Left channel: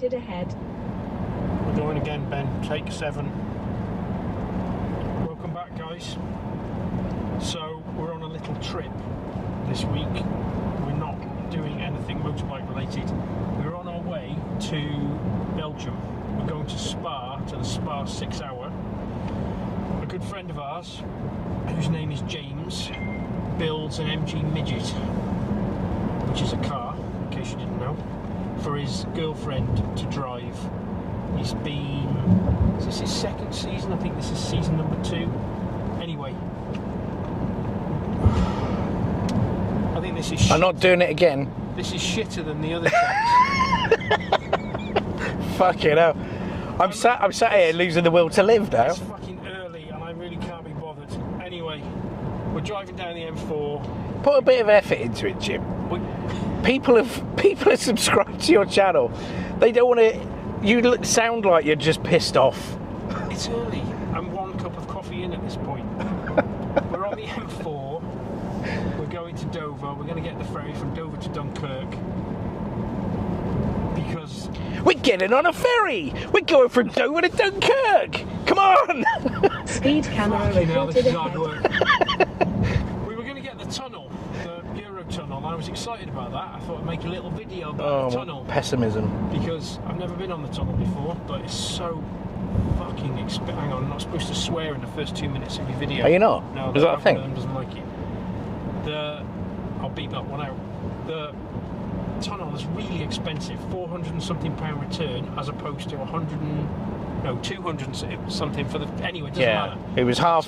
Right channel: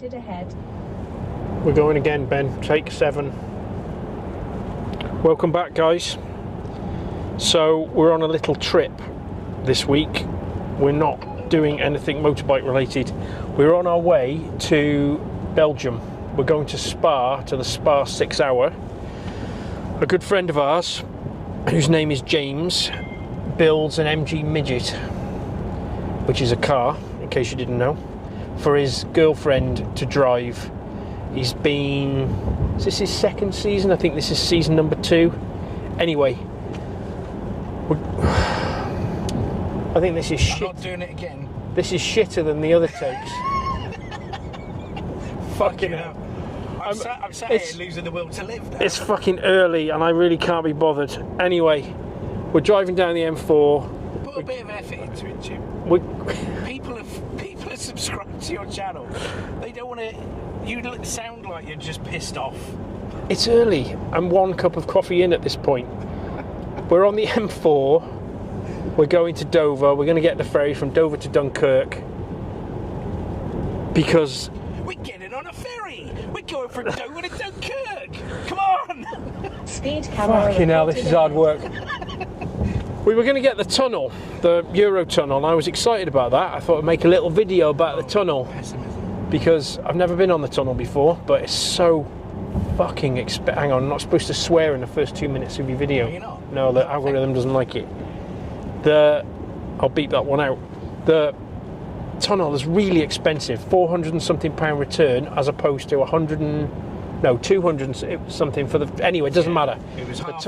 sighted ahead. We're going again, Ben. Take 7. Welcome back, guys. So we're on a little trip this week. We're not doing anything motorbike related. We're on our way to Belgium. We're going to Spa, to the Spa 6 Hour. A good friend of ours, whose name is James, builds an MG Midget, which is a car, in case you didn't know, for his girlfriend to drive. He's been, is this his 2nd season? I think this is season number 2. Anyway, I think this is shit. I'm not doing it again. This is shitter than the other takes. Fucking hell. I'm sat here losing the will to live now. It's fucking early and I really can't be bothered. Anyway, we're driving down the M4. Put a bit of effort into it, Jim. People have subscribed to your channel. They don't want to. You sound like you're just pissed off. It's early. I'm 1 cup of coffee in at this point. We're on the M4. We're going to Dover. We're going to get the ferry from Dover to Dunkirk. Because we're getting on a ferry. We're going from Dover to Dunkirk. Come on. Speed camera. Fucking hell, this is hard work. We were going to get the tunnel, the Euro tunnel, and I was excited about that. I thought I'd make a little video about the tunnel. Pessimism. Because I've never been on the tunnel before, but it's so fucking hang on, I'm not supposed to swear in the first 2 minutes of your video. Are you not? No, the algorithm doesn't like it. I'll beep that one out. The tunnel is really expensive, 400 and something pound return, as opposed to 200 and something for the. Anyway, it doesn't matter. It was half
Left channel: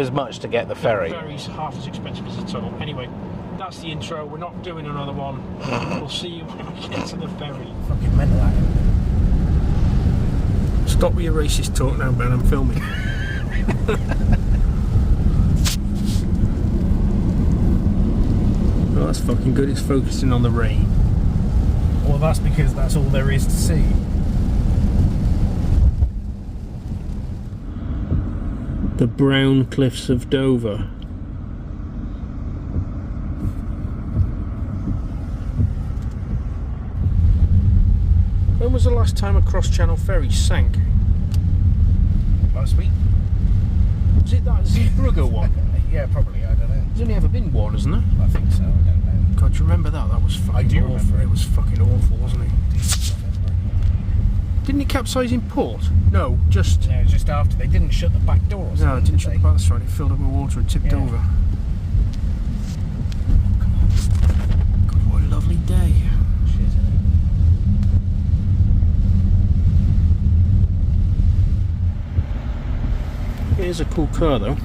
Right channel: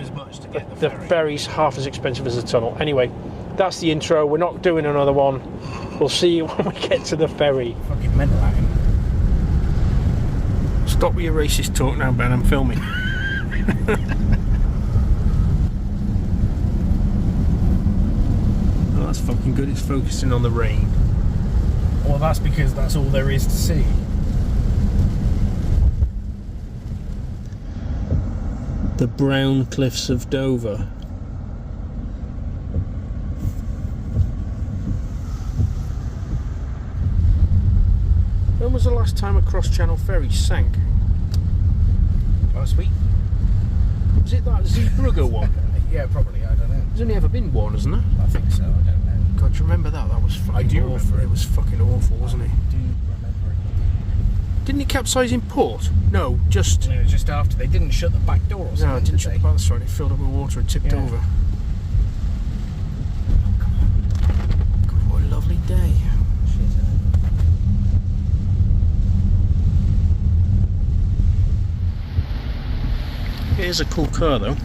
as much to get the ferry. The ferry's half as expensive as the tunnel. Anyway, that's the intro. We're not doing another one. We'll see you when we get to the ferry. Fucking mental. Stop with your racist talk now, Ben. I'm filming. Well, that's fucking good. It's focusing on the rain. Well, that's because that's all there is to see. The brown cliffs of Dover. When was the last time a cross-channel ferry sank? Last week. Was it that Zeebrugge one? Yeah, probably. I don't know. There's only ever been one, isn't there? I think so. I don't know. God, do you remember that? That was fucking awful. It was fucking awful, wasn't it? Didn't it capsize in port? No, just after. They didn't shut the back door or something. No, it didn't shut the back door. That's right. It filled up with water and tipped over. God, what a lovely day. Here's a cool car though.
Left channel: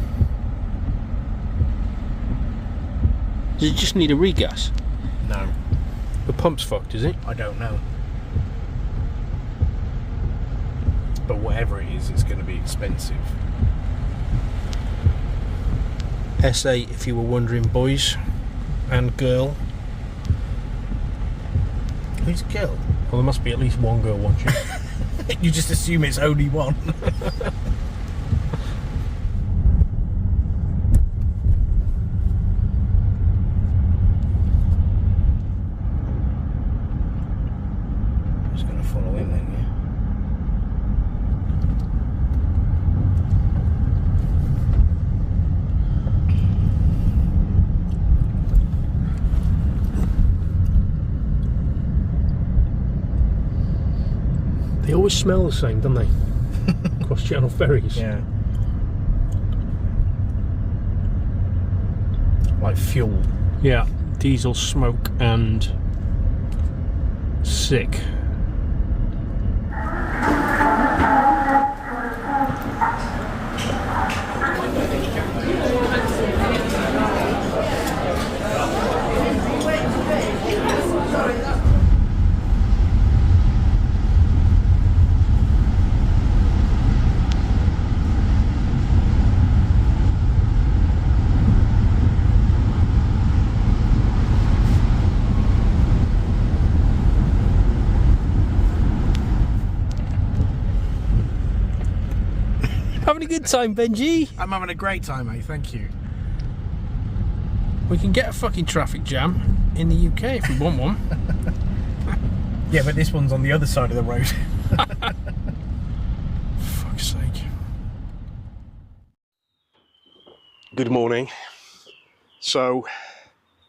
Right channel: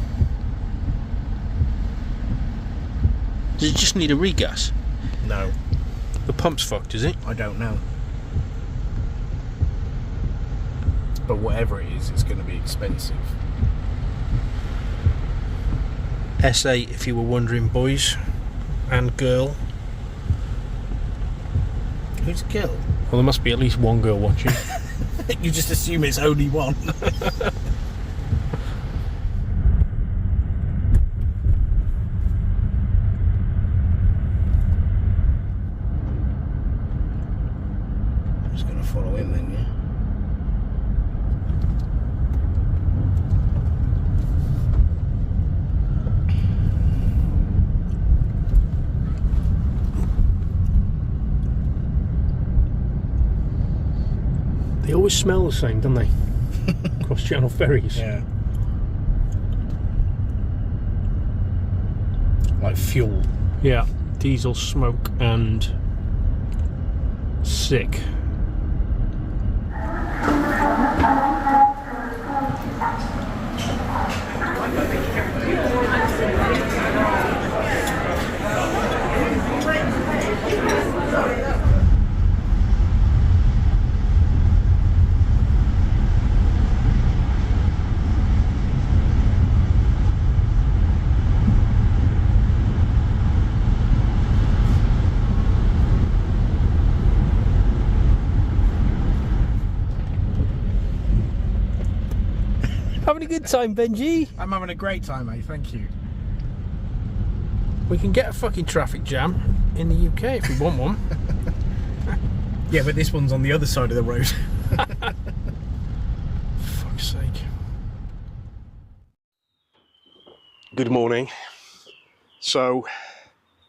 Does it just need a regas? No. The pump's fucked, is it? I don't know. But whatever it is, it's going to be expensive. S8 if you were wondering, boys and girl. Who's girl? Well, there must be at least one girl watching. You just assume it's only one. They always smell the same, don't they? Cross-channel ferries. Yeah. Like fuel. Yeah. Diesel, smoke and sick. Having a good time, Benji? I'm having a great time, mate, thank you. We can get a fucking traffic jam in the UK if we want one. Yeah, but this one's on the other side of the road. Fuck's sake. Good morning. So,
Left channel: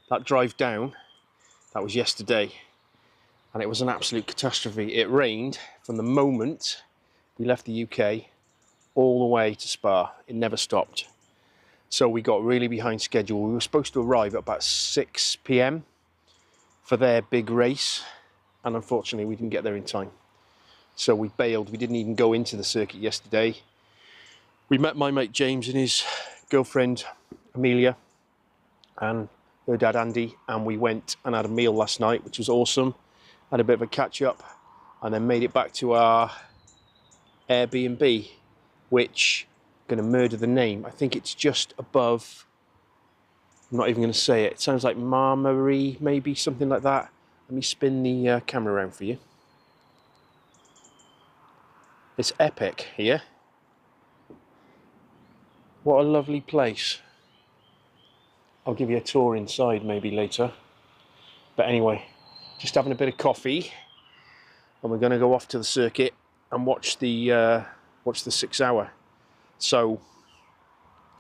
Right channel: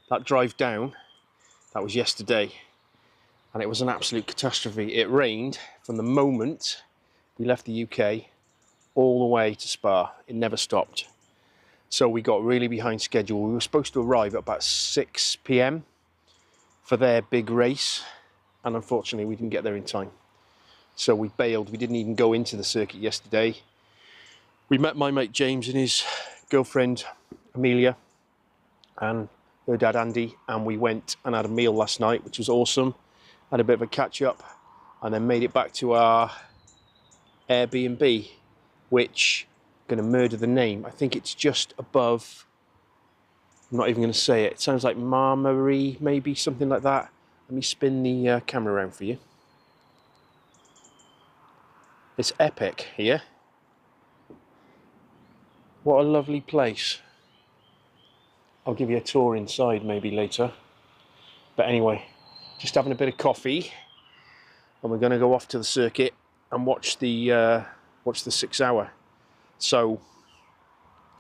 that drive down, that was yesterday, and it was an absolute catastrophe. It rained from the moment we left the UK all the way to Spa. It never stopped. So we got really behind schedule. We were supposed to arrive at about 6 p.m. for their big race, and unfortunately we didn't get there in time. So we bailed. We didn't even go into the circuit yesterday. We met my mate James and his girlfriend Amelia and her dad Andy, and we went and had a meal last night, which was awesome. Had a bit of a catch up, and then made it back to our Airbnb, which, I'm going to murder the name, I think it's just above, I'm not even going to say it, it sounds like Marmarie, maybe, something like that. Let me spin the camera around for you. It's epic here. What a lovely place. I'll give you a tour inside maybe later. But anyway, just having a bit of coffee, and we're going to go off to the circuit and watch the 6 hour. So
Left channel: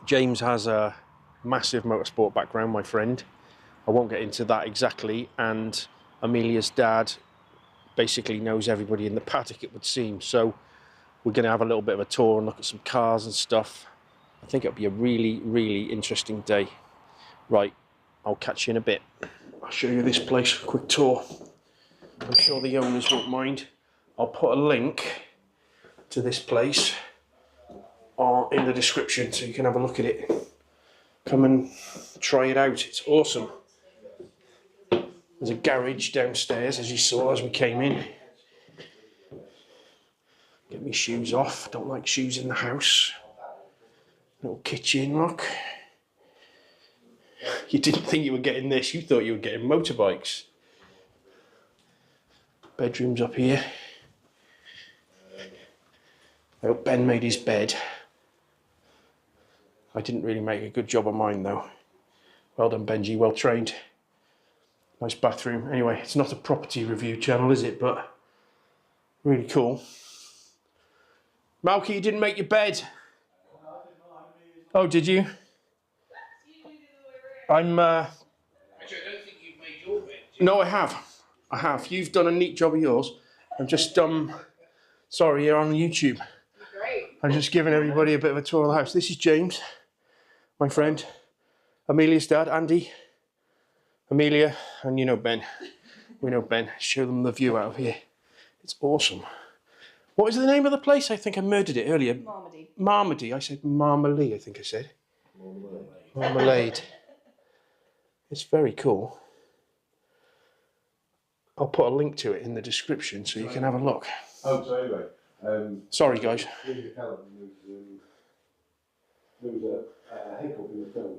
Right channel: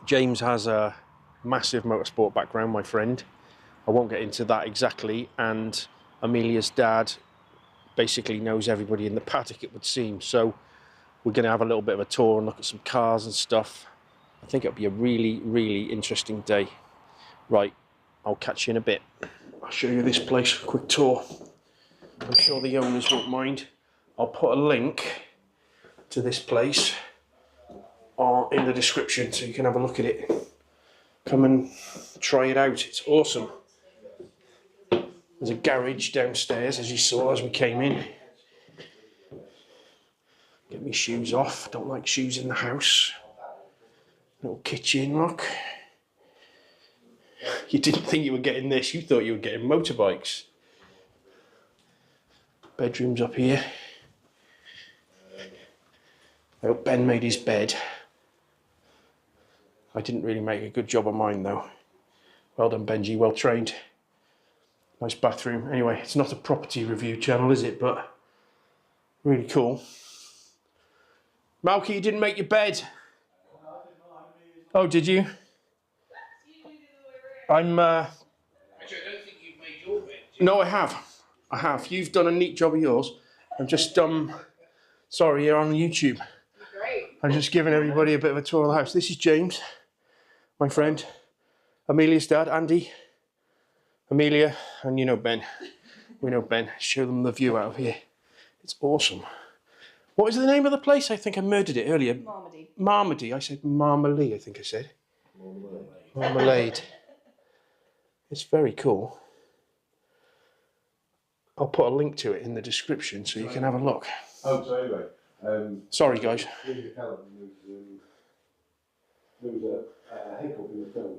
James has a massive motorsport background, my friend. I won't get into that exactly, and Amelia's dad basically knows everybody in the paddock, it would seem. So we're going to have a little bit of a tour and look at some cars and stuff. I think it'll be a really, really interesting day. Right, I'll catch you in a bit. I'll show you this place, a quick tour. I'm sure the owners won't mind. I'll put a link to this place in the description so you can have a look at it. Come and try it out, it's awesome. There's a garage downstairs, as you saw as we came in. Get my shoes off, don't like shoes in the house. Little kitchen, look. You didn't think you were getting this, you thought you were getting motorbikes. Bedroom's up here. I hope Ben made his bed. I didn't really make a good job of mine though. Well done Benji, well trained. Nice bathroom. Anyway, it's not a property review channel, is it? But really cool. Malky, you didn't make your bed. Oh, did you? I'm Actually, I don't think you've made your bed. No, I have. I have. You've done a neat job of yours. I'm just sorry, you're on YouTube. Great. I'm just giving everybody a bit of a tour of the house. This is James, my friend. Amelia's dad, Andy. Amelia, and you know Ben. We know Ben. Show them the view out of here. It's awesome. What is the name of the place? I think I murdered it earlier. Marmaduke. Marmaduke. I said Marmalade, I think I said. Marmalade. It's very cool. I'll put a link to it in the description so you can have a look. Oh, so anyway. Sorry, guys.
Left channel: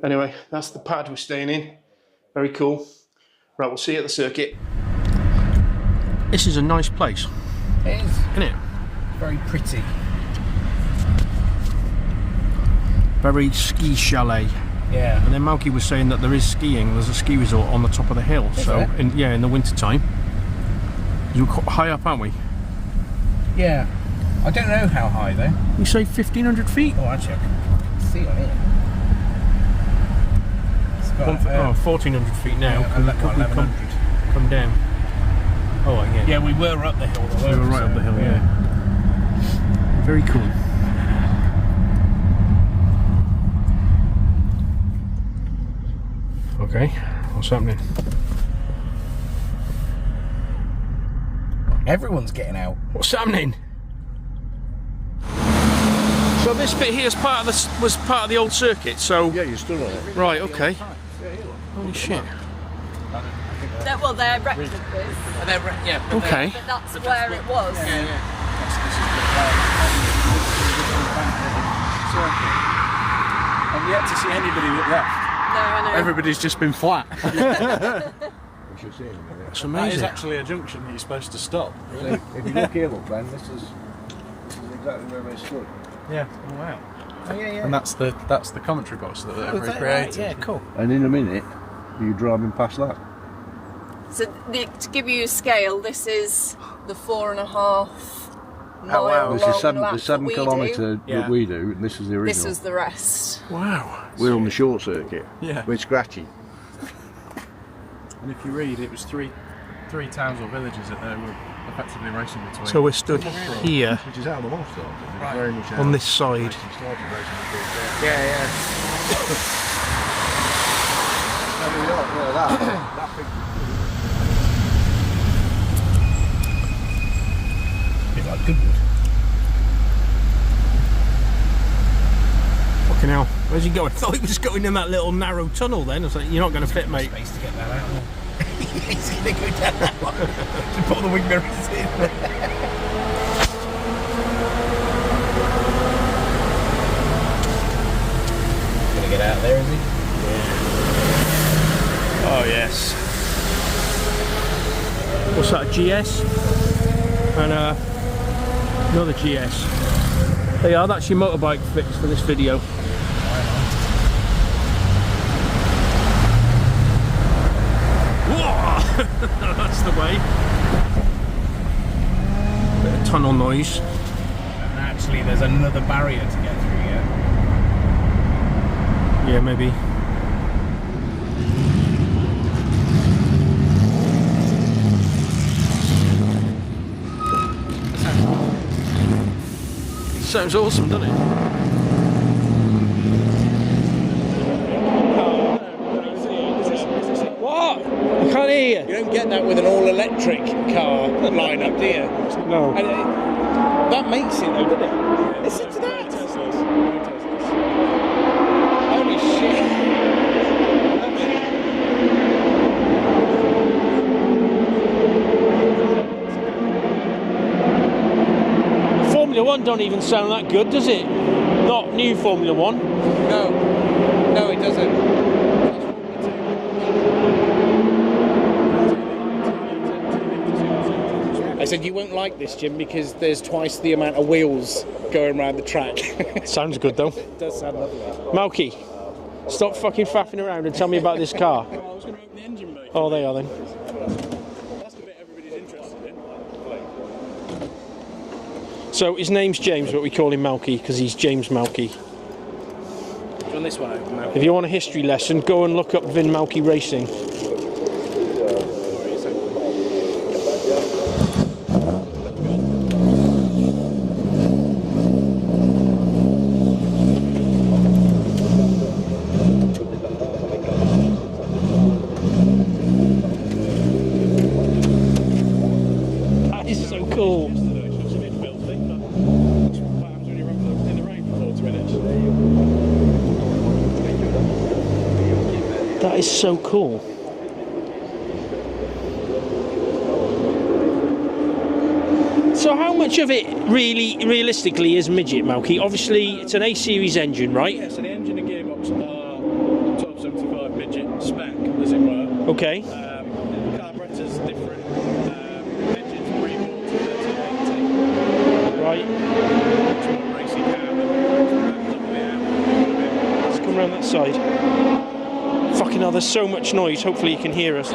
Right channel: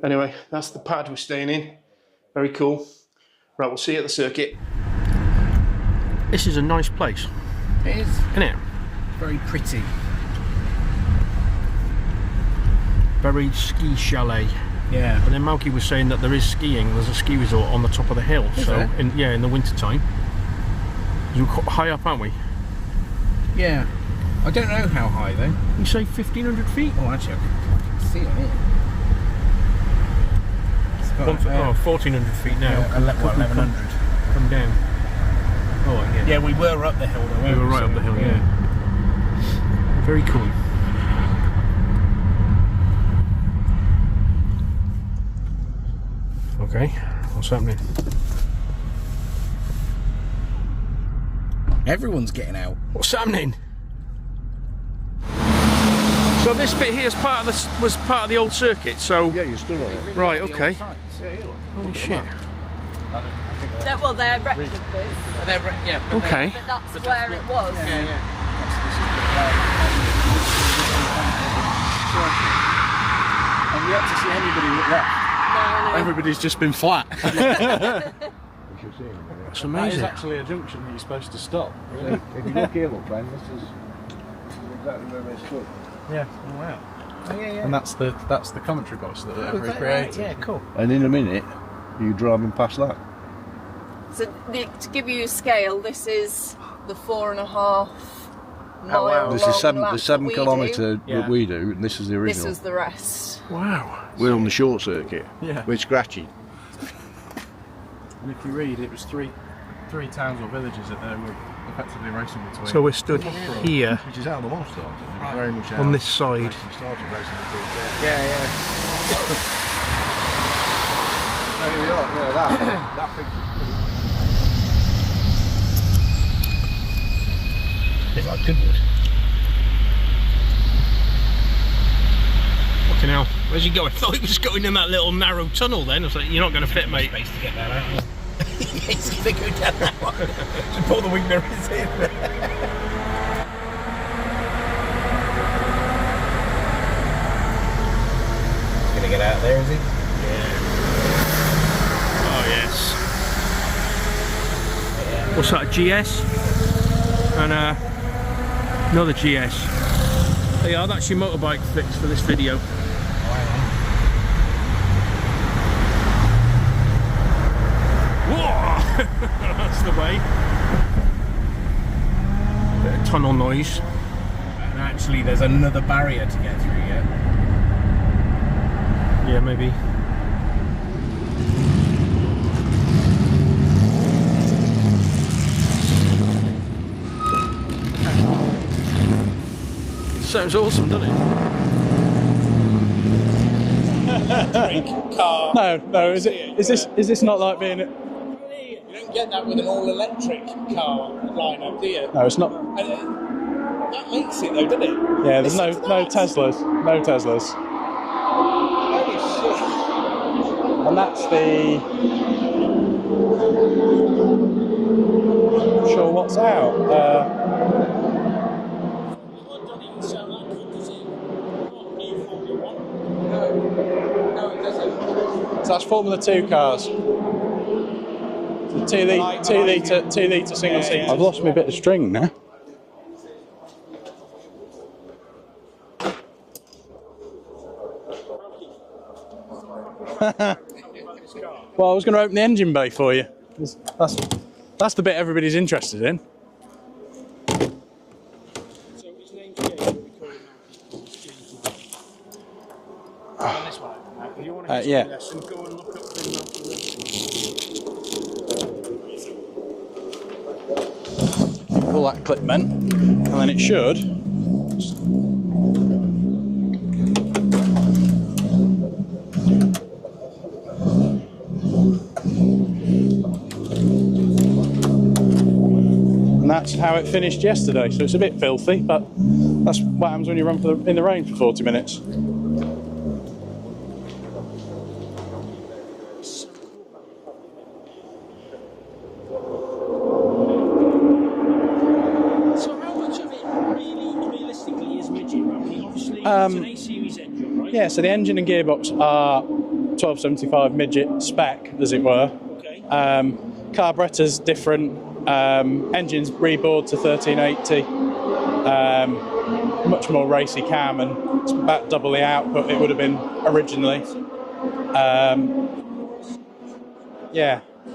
Anyway, that's the pad we're staying in. Very cool. Right, we'll see you at the circuit. This is a nice place. It is. Isn't it? Very pretty. Very ski chalet. Yeah. And then Malky was saying that there is skiing. There's a ski resort on the top of the hill. Is so, there? in the winter time. You're high up, aren't we? Yeah. I don't know how high though. You say 1,500 feet? Oh, actually, I can see on here. It's got 1,400 feet now. Yeah, 1100. Come down. Oh, yeah. Yeah, we were up the hill though. We were right up the hill, yeah. Very cool. Okay, what's happening? Everyone's getting out. What's happening? So this bit here is was part of the old circuit. So Yeah, you're still there. right, okay. Holy shit. Well, they're breakfast quiz, Yeah. Okay. but that's where it was. I've yet to see anybody that left. No, I know. Everybody's just been flat. That's That is amazing. actually a junction that you're supposed to stop. If you look here, look, Ben, this is exactly where they stood. Yeah. Oh wow. Oh yeah, yeah. And that's the commentary box that they've recreated. Yeah, cool. And in a minute, you're driving past that. So to give you a scale, this is the 4.5 mile wow. This is long lap the 7 that we kilometre do. that we do, and this is the original. This was the rest. Wow. We're on the short circuit. Yeah. We're scratchy. And if you read, it was three towns or villages that they were effectively racing between. So we're stood here Which is how the horse started. It was very much on this side. racing started racing between there. There we are, yeah, that big. Bit like Goodwood. Fucking hell. Where's he going? I thought he was going in that little narrow tunnel then. I was like, you're not going to fit, mate. Space to get that out. He's going to go down that one. Just pull the wing mirrors in. Going to get out there, is he? Oh, yes. What's that, a GS? And another GS. There you are, that's your motorbike fix for this video. Whoa! That's the way. Bit of tunnel noise. And actually, there's another barrier to get through here. Yeah, maybe. Sounds awesome, doesn't it? No, is this not like being... I can't hear you. You don't get that with an all-electric car lineup, do you? No, it's not. No. And that makes it, though, doesn't it? Yeah, there's no It's nuts. Teslas. No Teslas. Holy shit. And that's the... I'm not sure what's out. Formula 1 don't even sound that good, does it? Not new Formula 1. No, it doesn't. So that's Formula 2 cars. 2 litre single seat. I've lost my bit of string won't now. like this, Jim, because there's twice the amount of wheels going around the track. Sounds good though. It does sound lovely. Malky, stop fucking faffing around and tell me about this car. Well, I was going to open the engine bay for Oh, you. they are then. That's the bit everybody's interested in. So his name's James, but we call him Malky because he's James Malky. On this one open now. If you want a history yeah. lesson, go and look up Vin Malky Racing. Pull that clip then, and then it should. And that's how it finished yesterday, so it's a bit filthy, but that's what happens when you run in the rain for 40 minutes. That is so cool. So how much of it realistically is Midget, Malky? Obviously it's an A-series engine, right? Yeah, so the engine and gearbox are 1275 Midget spec, as it were. Okay. Carburettor's different, engine's rebored to 1380, much more racy cam, and it's about double the output it would have been originally. Side. Fucking hell, there's so much noise, hopefully you Yeah. can hear us.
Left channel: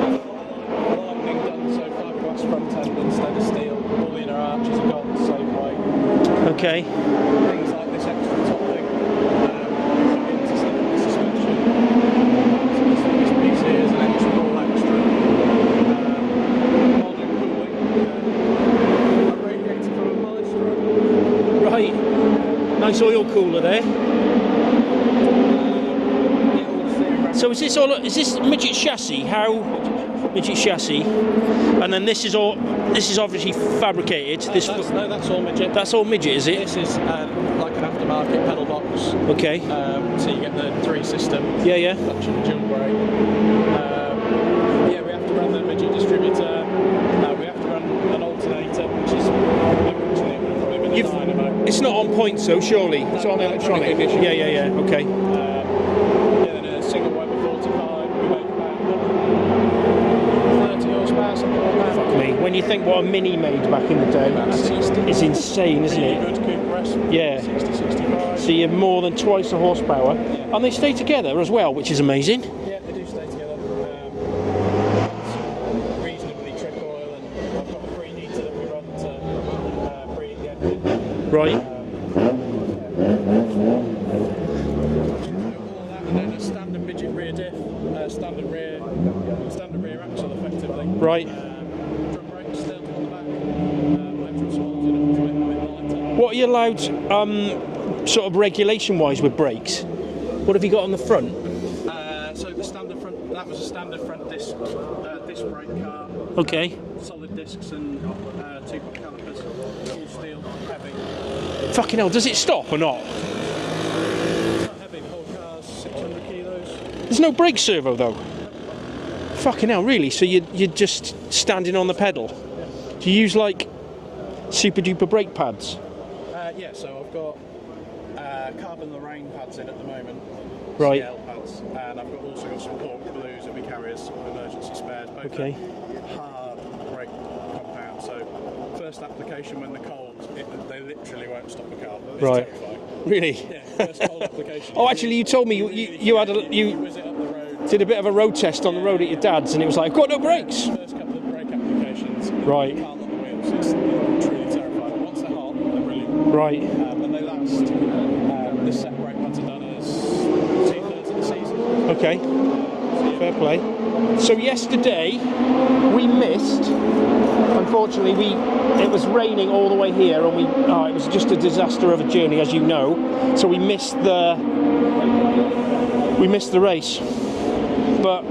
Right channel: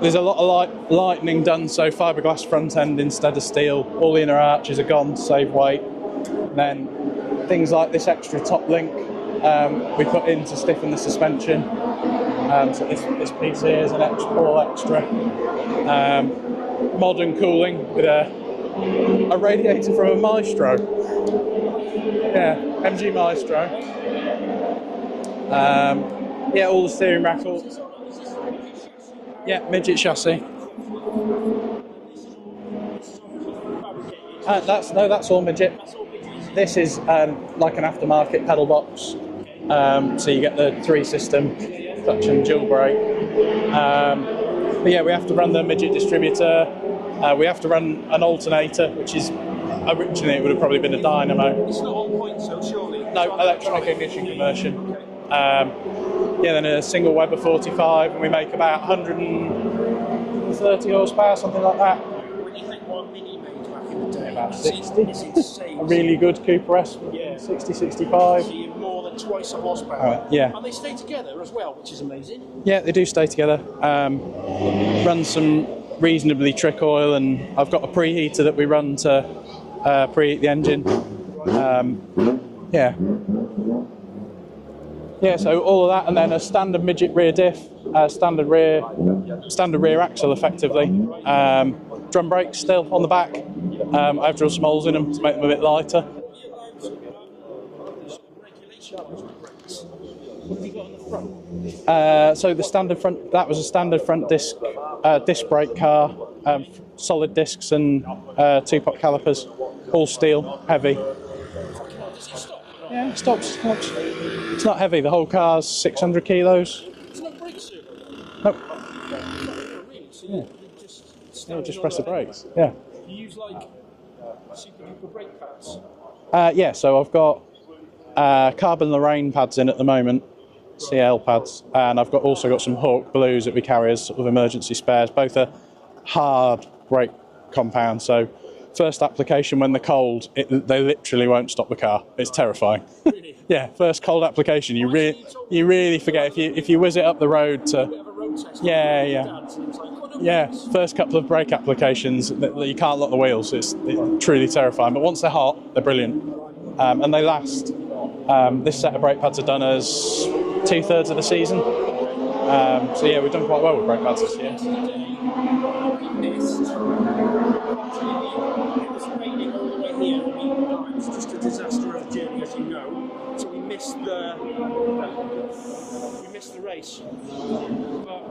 There's a lot of lightening done, so fiberglass front end instead of steel. All the inner arches are gone to save weight. Okay. And then things like this extra top link we put in to stiffen the suspension. So this piece here is an extra, all extra. Modern cooling with a radiator from a Maestro. Right. Yeah, Nice MG oil cooler there. Yeah, all the steering rack. So is this Midget chassis? How? Yeah, Midget chassis. Midget chassis. And then this is obviously fabricated. That's all Midget. That's all Midget, is it? This is like an aftermarket pedal box. Okay. So you get the 3 system. Yeah. Clutch and jump brake. But yeah, we have to run the Midget distributor. We have to run an alternator, which is originally it would have probably been a dynamo. It's not on point, so surely. No, It's on electronic ignition Yeah. version. Okay. Yeah, then a single Weber 45. We make about 130 horsepower, something like that. Fuck me. When you think what a Mini made back in the day, About 60. it's insane, isn't Really it? good Cooper S. Yeah. 60, 65. So you're more than twice the horsepower. Yeah. And they stay together as well, which is amazing. Yeah, they do stay together. Run run some reasonably trick oil, and I've got a preheater that we run to preheat the engine. Right. Yeah. Yeah, so all of that, and then a standard midget rear diff, standard rear axle, effectively. Right. Drum brakes still on the back. I've drilled some holes in them to make them a bit lighter. What are you allowed, sort of regulation-wise with brakes? What have you got on the front? So the standard front, that was a standard front disc brake car. Okay. Solid discs and 2-pot calipers, all steel, heavy. Fucking hell, does it stop or not? Yeah, it stops. It's not heavy. The whole car's 600 kilos. There's no brake servo though. Nope. Fucking hell, really? So you're just standing on the pedal? Brakes. Yeah. Do you use like super duper brake pads? Yeah. So I've got carbon Lorraine pads in at the moment. Right. CL pads, and I've also got some Hawk Blues that we carry as sort of emergency spares. Both are hard brake compound, so first application when they're cold, they literally won't stop the car. It's terrifying. Really? Yeah, first cold application. You told me you really forget if you whiz it up the road. Did a bit of a road test on the road at your dad's, and it was like, got no brakes. Yeah, first couple of brake applications, you can't lock the wheels. It's truly terrifying. But once they're hot, they're brilliant. Right. And they last. This set of brake pads are done as 2/3 of the season. Okay. So yeah, we've done quite well with brake pads. So yesterday we missed. Unfortunately, it was raining all the way here, and it was just a disaster of a journey, as you know. So we missed the race. But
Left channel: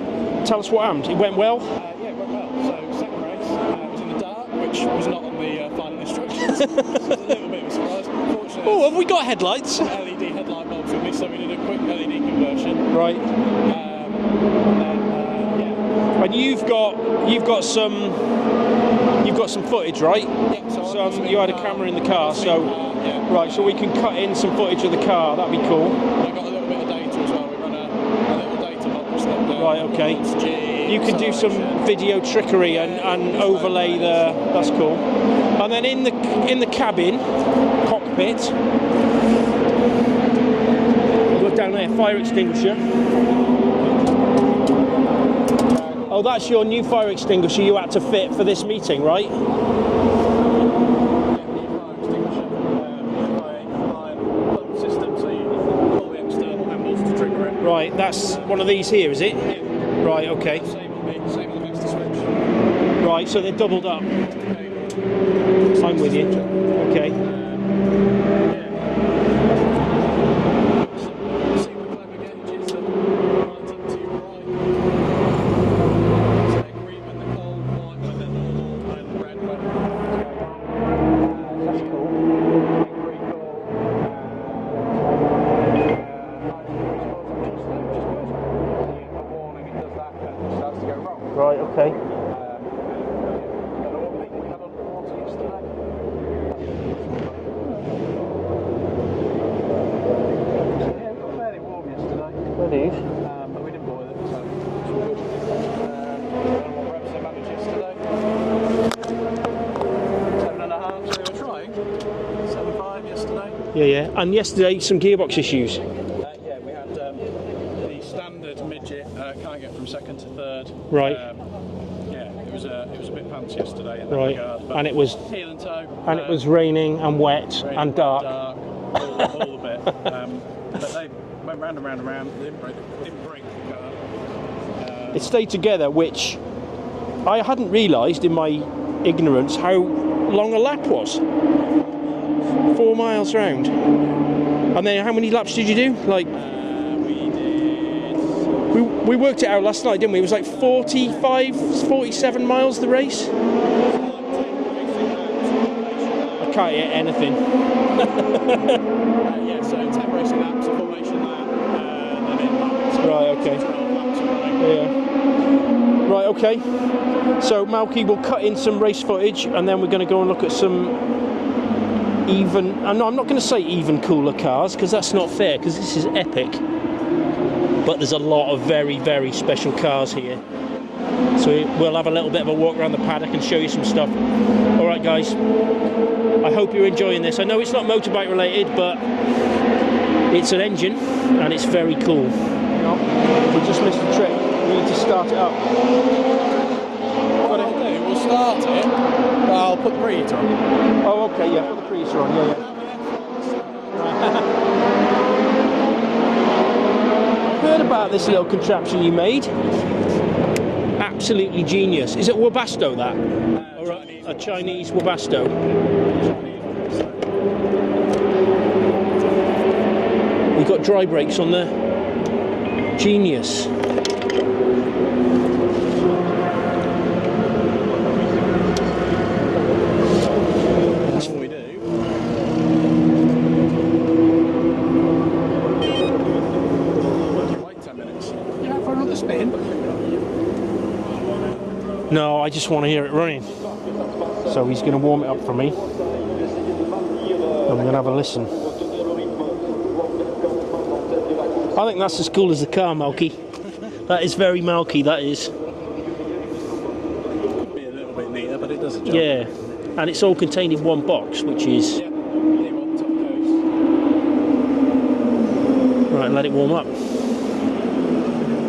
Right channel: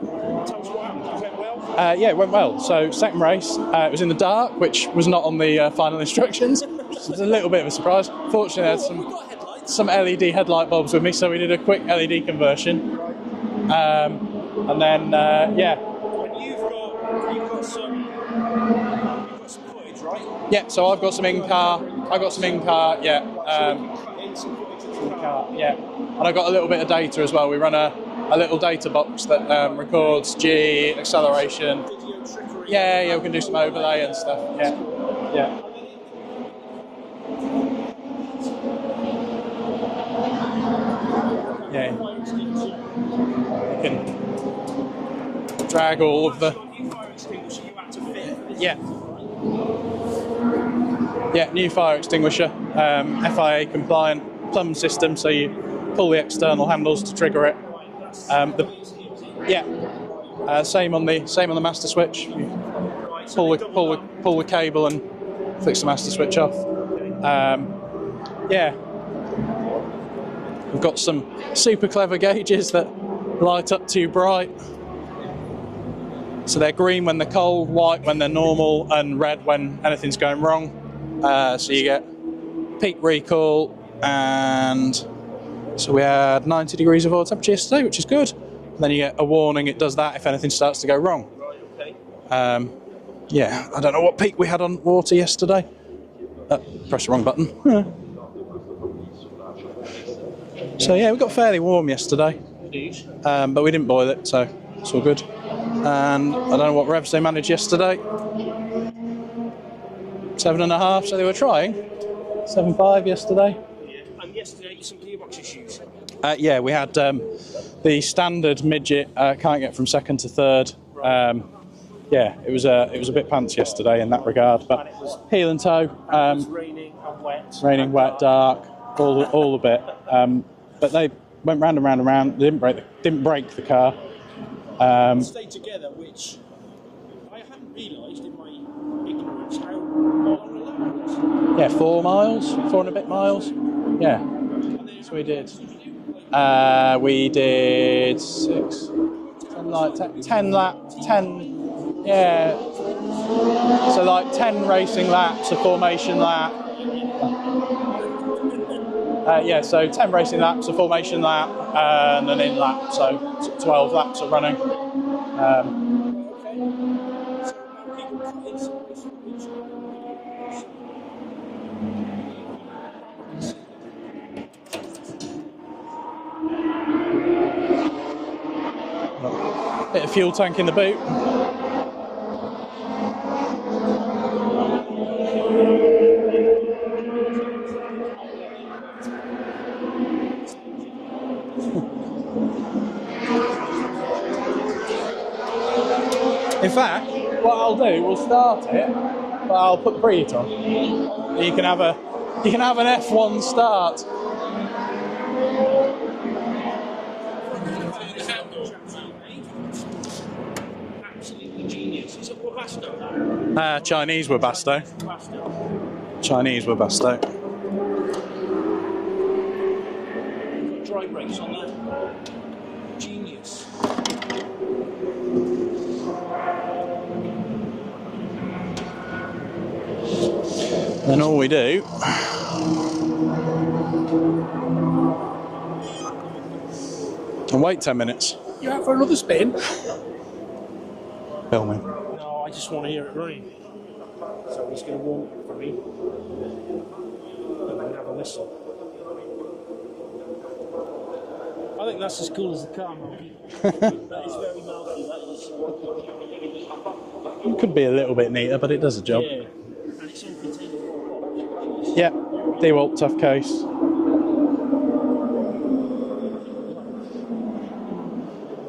tell us what happened. It went well. Yeah, it went well. So second race, it was in the dark, which was not on the final instructions. So it was a little bit of a surprise. Fortunately, have we got headlights? Some LED headlight bulbs with me, so we did a quick LED conversion. Right. And then And you've got some footage, right? Yeah, so I've got some in-car. You had a camera in the car. I've got some in-car, yeah. Right, so we can cut in some footage of the car. That'd be cool. And I got a little bit of data as well. We run a little data box that records G, You can do some acceleration. video trickery and overlay the. stuff. That's cool. Yeah. And then in the cabin, cockpit, look down there, fire extinguisher. Drag all that's your new fire extinguisher you had to fit for this meeting, right? Yeah, new fire extinguisher, FIA compliant plumb system, so you pull the external handles to trigger it. Right, that's one of these here, is it? Yeah. Right, okay. Same on the master switch. Right, so pull the cable and fix the master switch off. Okay. Got some super clever gauges that light up too bright. So they're green when they're cold, white when they're normal, and red when anything's going wrong. So you get peak recall, and so we had 90 degrees of oil temperature yesterday, which is good. Then you get a warning, it does that if anything starts to go wrong. Right, okay. I don't know what peak we had on water yesterday. Press the wrong button. So yeah, we got fairly warm yesterday, but we didn't boil it, so it's all good. And I don't know what revs they managed yesterday. 7.5, so they were trying. 7.5 yesterday. Yeah. And yesterday, some gearbox issues. Yeah, we had the standard midget can't get from second to third. Right. It was a bit pants yesterday in that regard. But and it was heel and toe. And it was raining and wet. Raining, wet, dark, all a bit. But they went round and round and round. They didn't break the car. It stayed together, which I hadn't realised in my ignorance how long a lap was. Yeah, 4 miles. 4 miles round. Yeah. And then how many laps did you do? We did. We worked it out last night, didn't we? It was like 47 miles the race. So like 10 racing laps, a formation lap. I can't hit anything. So 10 racing laps, a formation lap, and an in lap. So 12 laps of running. Yeah. Right, okay. So Malky will cut in some race footage, and then we're going to go and look at some even. I'm not going to say even cooler cars, because that's not fair, because this is epic. But there's a lot of very, very special cars. Fuel tank in the boot. So we'll have a little bit of a walk around the paddock and show you some stuff. All right, guys. I hope you're enjoying this. I know it's not motorbike related, but it's an engine and it's very cool. We just missed the trip. We need to start it up. In fact, what I'll do, we'll start it, but I'll put the preheat on. Oh, okay. You can have an F1 start. I've heard about this little contraption you made. Absolutely genius. Is it Webasto, that? Chinese Webasto. Chinese Webasto. Chinese Webasto. You've got dry brakes on there. Genius. Then all we do and wait 10 minutes. You out for another spin? Filming. No, I just want to hear it running. So he's going to warm it up for me. I'm going to have a listen. I think that's as cool as the car, Malky. That is very Malky, that is. Could be a little bit neater, but it does the job. Yeah. And it's all contained in one box, which is... Yeah, DeWalt tough case. Right, let it warm up.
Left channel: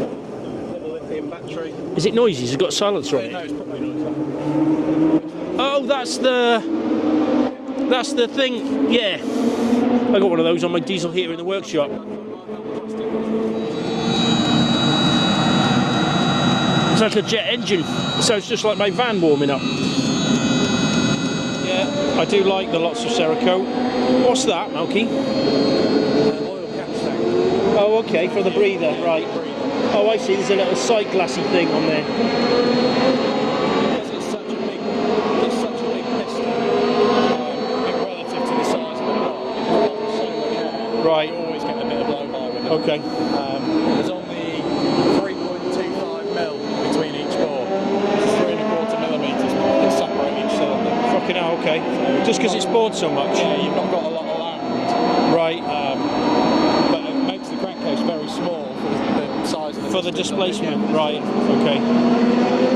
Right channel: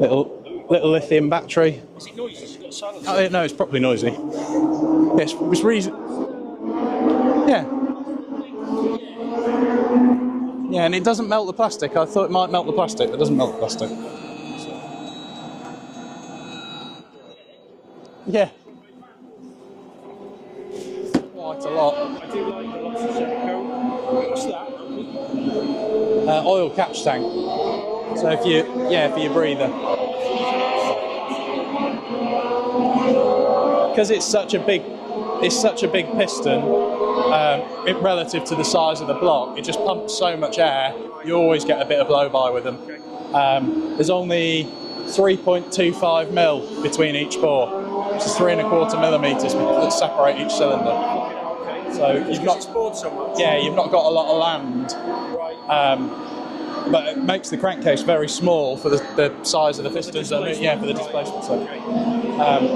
Little lithium battery. Is it noisy? Has it got silence on it? No, it's probably noisy. Yes, Oh, that's the... Yeah. That's the thing, yeah. I got one of those on my And it diesel doesn't heater in melt the workshop. plastic. I thought it might melt the plastic, but it doesn't melt the plastic. It's like a jet engine, so it's just like my van warming up. I do like the lots of Cerakote. What's that, Malky? Oil catch tank. Oh, okay, So for the breather. Yeah, right. for your breather. Oh, I see. There's a little side glassy thing on there. Because it's such a big piston, relative to the size of the block, it just pumps so much air. Right. You always get a bit of blow-by with them. Okay. There's only 3.25 mil between each bore, which is 3¼ millimetres that separate each cylinder. Fucking hell, okay. So just because it's bored so much? Yeah, you've not got a lot of land. Right. But it makes the crankcase very small for the size of the For the pistons. displacement? Yeah, for the right. displacement. Okay.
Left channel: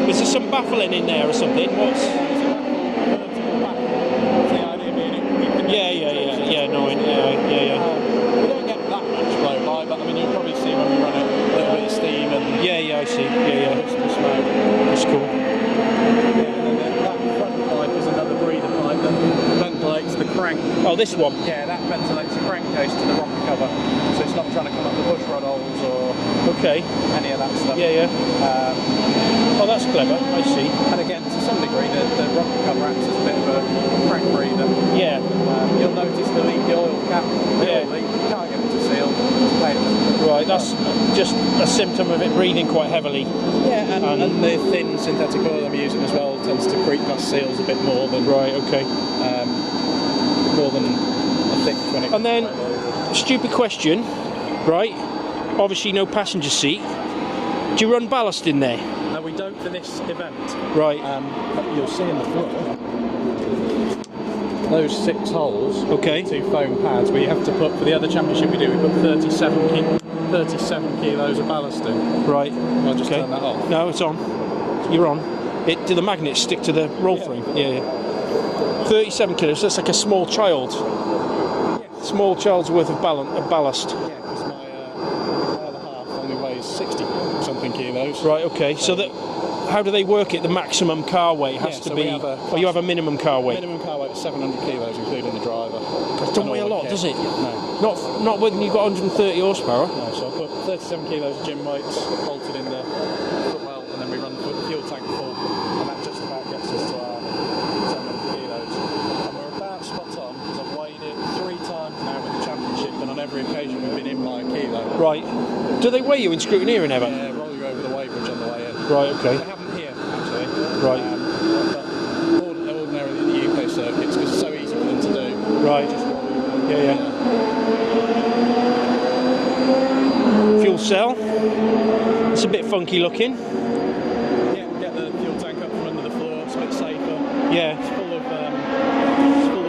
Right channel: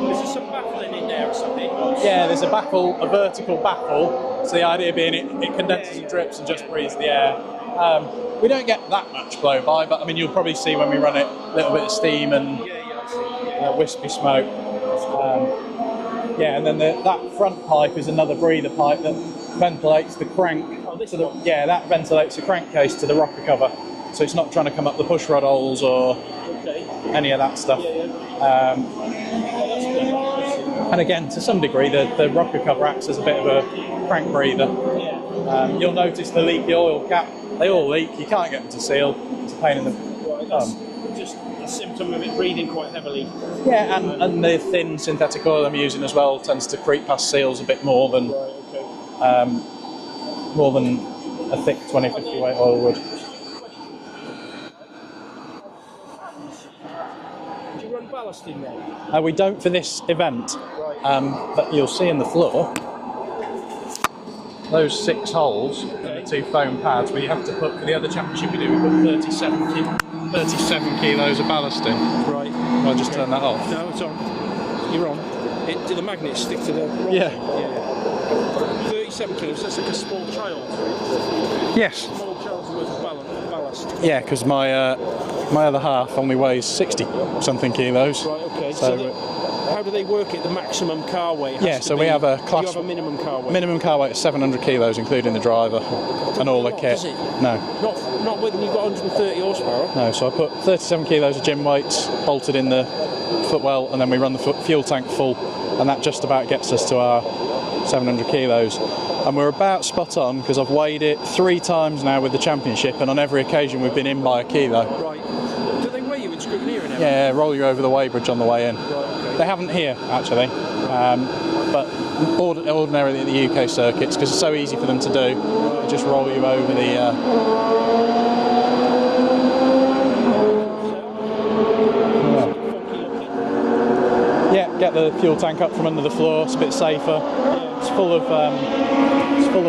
Is there some baffling in there or something? Yeah, there's a vertical baffle. So the idea being it condenses drips and just breathes the air. We don't get that much blow-by, but I mean you'll probably see when we run it a little bit of steam and I see. Yeah. wispy smoke. That's cool. And then that front pipe is another breather pipe that ventilates the crank. Oh, this one? Yeah, that ventilates the crankcase to the rocker cover, so it's not trying to come up the pushrod holes or any of that stuff. Oh, that's clever. I see. And again, to some degree, the rocker cover acts as a bit of a crank breather. Yeah. You'll notice the leaky oil cap. They all leak. You can't get them to seal. It's a pain in the... Right, that's just a symptom of it breathing quite heavily. Yeah, and the thin synthetic oil I'm using as well tends to creep past seals a bit more than... Right, okay. More than a thick 20 And then, weight oil would. stupid question, right? Obviously no passenger seat. Do you run ballast in there? We don't for this event. Right. But you'll see in the floor, those 6 holes, 2 foam pads, where you have to put, for the other championship we do, we put 37 kilos of ballast in. Right. I'll just turn that off. No, it's on. You're on. Do the magnets stick to the roll thing? Yeah. 37 kilos, that's like a small child. Yes. Small child's worth of ballast. Yeah, because my other half only weighs 60-something kilos. Right, okay. So how do they work it, the maximum car weight? We have a class... You have a minimum car weight? Minimum car weight is 700 kilos, including the driver and all the kit. Does it? No. Not when you've got 130 horsepower? No, so I put 37 kilos of gym weights bolted in the footwell, and then we run the fuel tank full, and that just about gets us to our 700 kilos. And we're about spot on, because I've weighed it 3 times now with the championship, and on every occasion we've been in by a kilo. Right. Do they weigh you in scrutineering ever? Yeah, roll you over the weighbridge on the way in. Right, okay. They haven't here, actually. Right. But ordinarily at the UK circuits, because it's so easy for them to do. Right. Just roll you over the... Fuel cell. It's a bit funky looking. Yeah, get the fuel tank up from under the floor. It's a bit safer. Yeah, it's full of foam.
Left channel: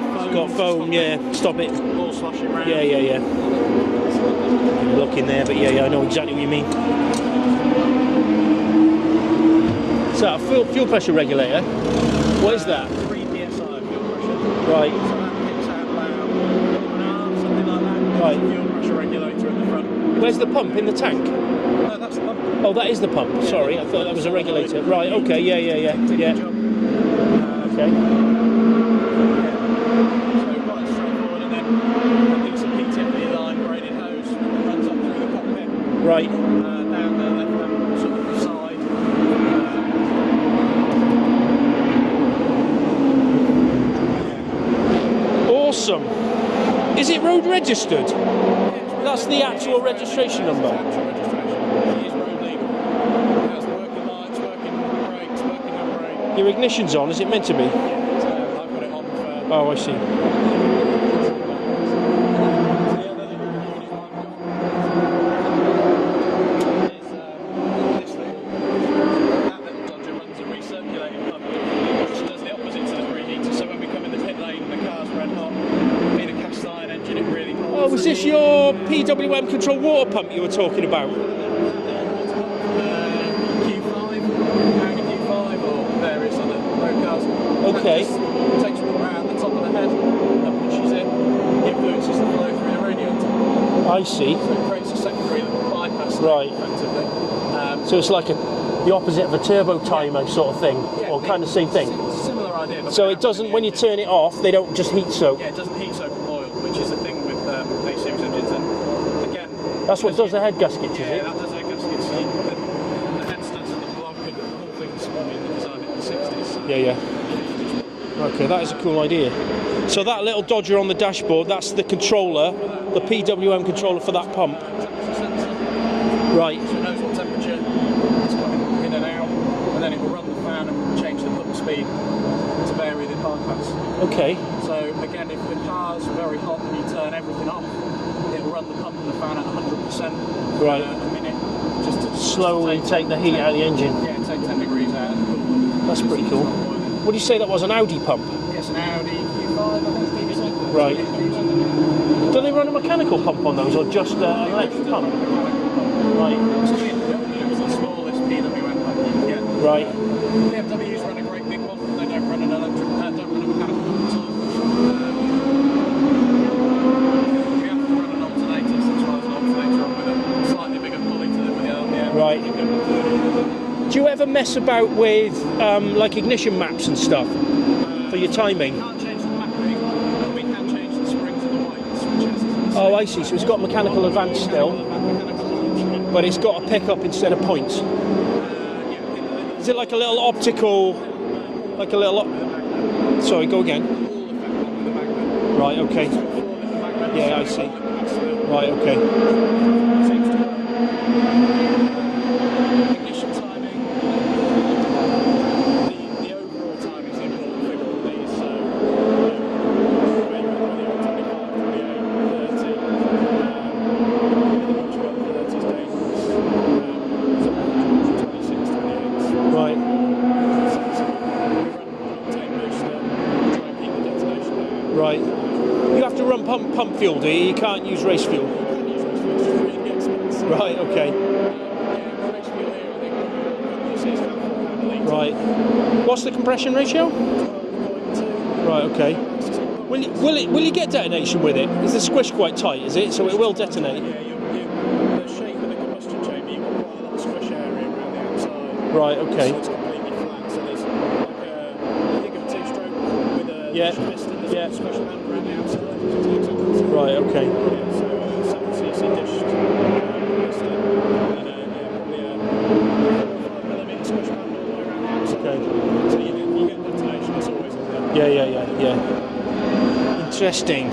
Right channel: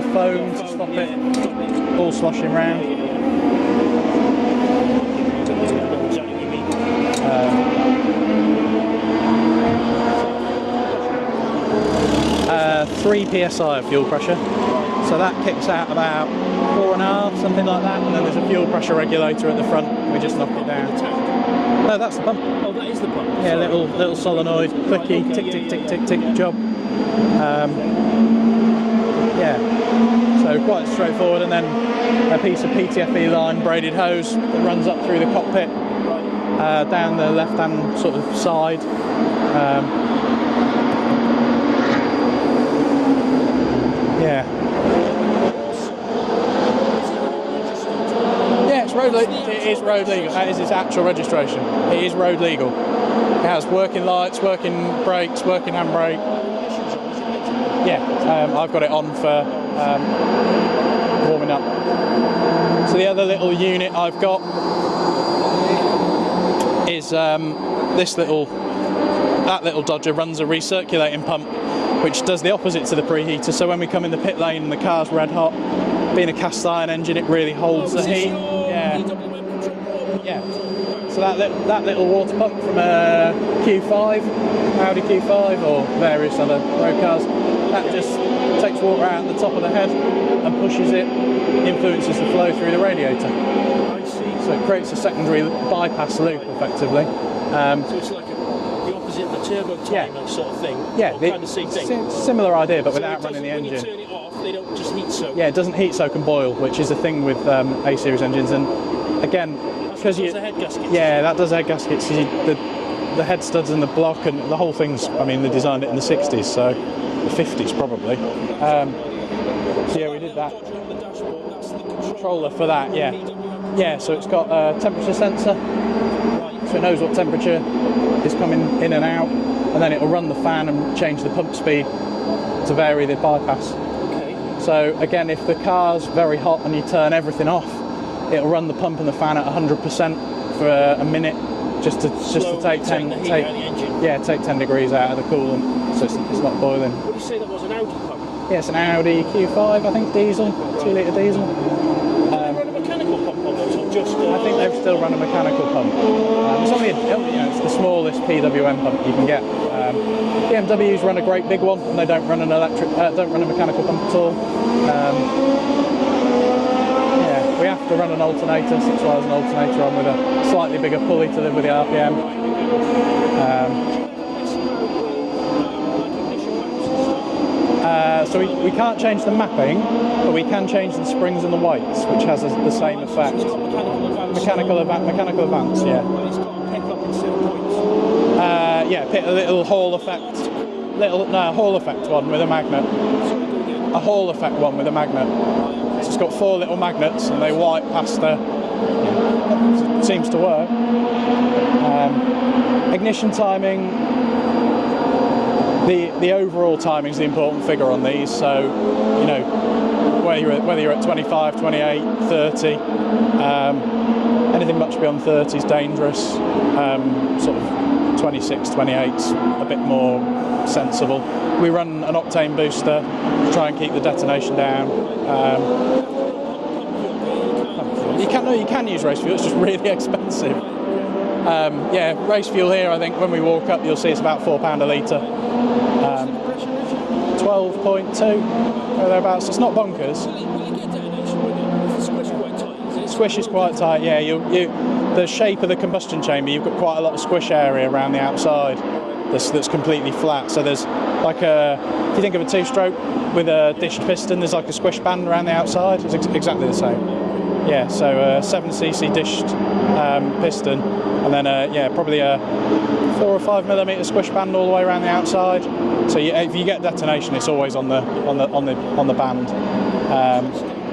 Got foam, stop it all sloshing around. Yeah. Look in there, but I know exactly what you mean. So fuel pressure regulator. What is that? 3 psi of fuel pressure. Right. So that kicks out about 4.5, something like that. And then there's a fuel pressure regulator at the front. Where's the pump in the tank? No, that's the pump. Oh, that is the pump. Yeah, Sorry, I thought that little was a solenoid. regulator. Right, Clicking, okay, tick, tick, yeah. job. Yeah, so quite straightforward, and then a piece of PTFE line braided hose that runs up through the cockpit, Right. down the left-hand sort of side. Yeah. Awesome. Is it road registered? Yeah, it's road That's legal. the actual registration That is its number. actual registration. It is road legal. It has working lights, working brakes, working handbrake. Your ignition's on, is it meant to be? Yeah, I've got it on for Oh, I see. warming up. So the other little unit I've got is that little Dodger runs a recirculating pump, which does the opposite to the preheater. So when we come in the pit lane and the car's red hot, being a cast iron engine, it really holds Was the this heat. your Yeah. PWM controlled water pump you were talking about? So that little water pump from a Q5, Audi Q5 or various other road cars, that Okay. just takes water out the top of the head and pushes it, influences the flow through the radiator. I see. So it creates a secondary bypass loop, Right. effectively. So it's like the opposite of a turbo timer sort of thing? Or kind of same thing? Similar idea, but So without it doesn't, running the when you engine. turn it off, they don't just heat soak? Yeah, it doesn't heat soak and boil, which is a thing with A-series engines. And again, That's what does the head gaskets, Yeah, is it? that does the head gaskets. The head studs and the block and the whole thing's, I mean, they designed it in the 60s, so Yeah. the 50s probably. Okay, that is a cool idea. So yeah, that we did little that. Dodger on the dashboard, that's the controller For that, the yeah. PWM controller Yeah, for so that it's got pump. a temperature sensor, Right. so it knows what temperature is coming in and out, and then it will run the fan and change the pump speed to vary the bypass. Okay. So again, if the car's very hot and you turn everything off, it'll run the pump and the fan at 100% for a minute, just to Slowly take the heat out of the engine. Yeah, take 10 degrees out of the coolant. That's so pretty it's cool. not boiling. Would you say that was an Audi pump? Yeah, it's an Audi Q5, I think, diesel, Right. 2 litre diesel. Do they run a mechanical pump on those, or just I think they've still run a mechanical pump. It's only it's the smallest PWM pump you can get. Right. BMWs run a great big one, and they don't run an don't run a mechanical pump at all. Yeah, we have to run an alternator, so that's why there's an alternator on with a slightly bigger pulley to live with the RPM. Right. Do you ever mess about with like ignition maps and stuff? For your So we timing? can't change the mapping, but we can change the springs and the weights, which has the same Oh, I see. So effect. it's got mechanical advance mechanical still, advance, yeah. but it's got a pickup instead of points. Yeah, a little Is it hall like a little effect. optical? Hall like effect a little one with a magnet. Sorry, go again. A hall effect one with a magnet. Right, okay. It's got 4 little magnets Yeah, and I they see. wipe past the... Right, okay. It seems to work. Ignition timing. The overall timing is the important figure on these. So, you know, whether you're at 25, 28, 30, anything much beyond 30 is dangerous. Sort of 26, 28's a bit more sensible. We run an octane booster to try and keep the detonation down. Right. You have to run pump fuel, do you? You can't use race fuel? You can use race fuel, it's just really expensive. Right, okay. Yeah, race fuel here, I think when we walk up, you'll see it's about £4 a litre. Right. What's the compression ratio? 12.2. Right, okay. Thereabouts. It's not bonkers. Will you get detonation with it? Is the squish quite tight, is it? Squish So it is will quite detonate? tight, yeah. The shape of the combustion chamber, you've got quite a lot of squish area around the outside. Right, okay. That's completely flat. So there's like if you think of a 2-stroke with a dished piston, there's like a squish band around the outside. It's exactly the same. Right, okay. Yeah, so 7cc dished piston, and then probably a 4 or 5 millimetre squish band all the way around the outside. So if you get detonation, it's always on the on the band. Interesting.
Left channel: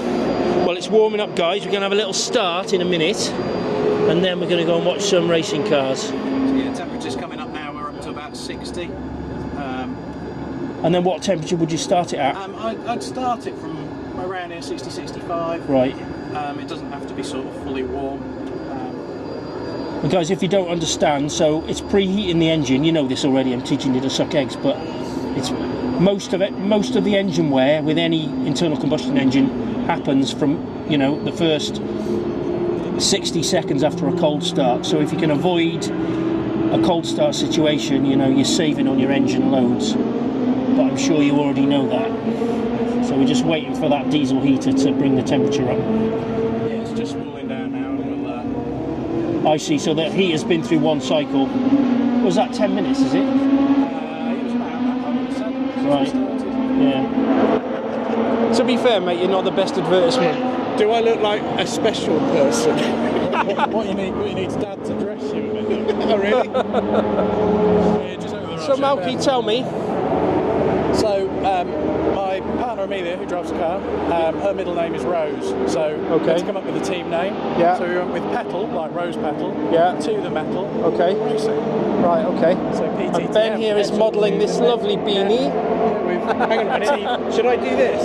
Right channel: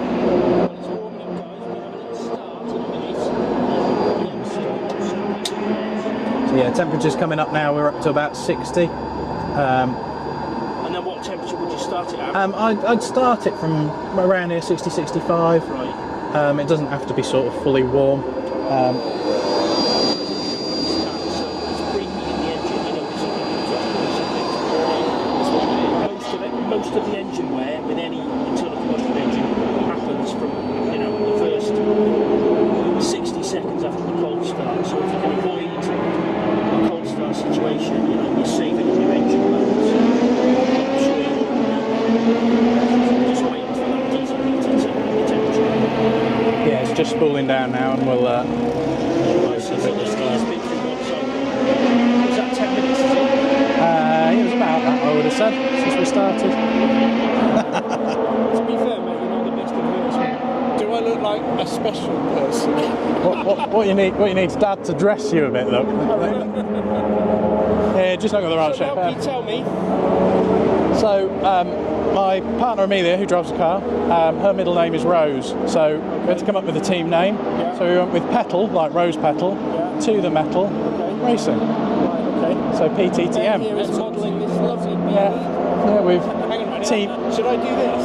Well, it's warming up, guys. We're going to have a little start in a minute, and then we're going to go and watch some racing cars. So yeah, temperature's coming up now. We're up to about 60. And then what temperature would you start it at? I'd start it from around here, 60, 65. Right. It doesn't have to be sort of fully warm. Guys, if you don't understand, so it's preheating the engine. You know this already. I'm teaching you the suck eggs, but it's most of the engine wear with any internal combustion engine happens from the first 60 seconds after a cold start. So if you can avoid a cold start situation, you're saving on your engine loads. But I'm sure you already know that. So we're just waiting for that diesel heater to bring the temperature up. Yeah, it's just spooling down now, and we'll. I see. So that heat has been through one cycle. Was that 10 minutes? Is it? It was about that, I would have said, since we started. To be fair, mate, you're not the best advertisement. Do I look like a special person? what you need is Dad to dress you a bit, look. Oh, really? Yeah, just look at the right So, Malky, tell me. So, my partner Amelia, who drives the car, her middle name is Rose. So, we had to come up with a team name. Yeah. So we went with Petal, like Rose Petal. Yeah. To the metal. Okay. Racing. Right. Okay. So PTTM. Ben here is modelling this lovely beanie. Yeah, we've hang on a minute. Should I do this?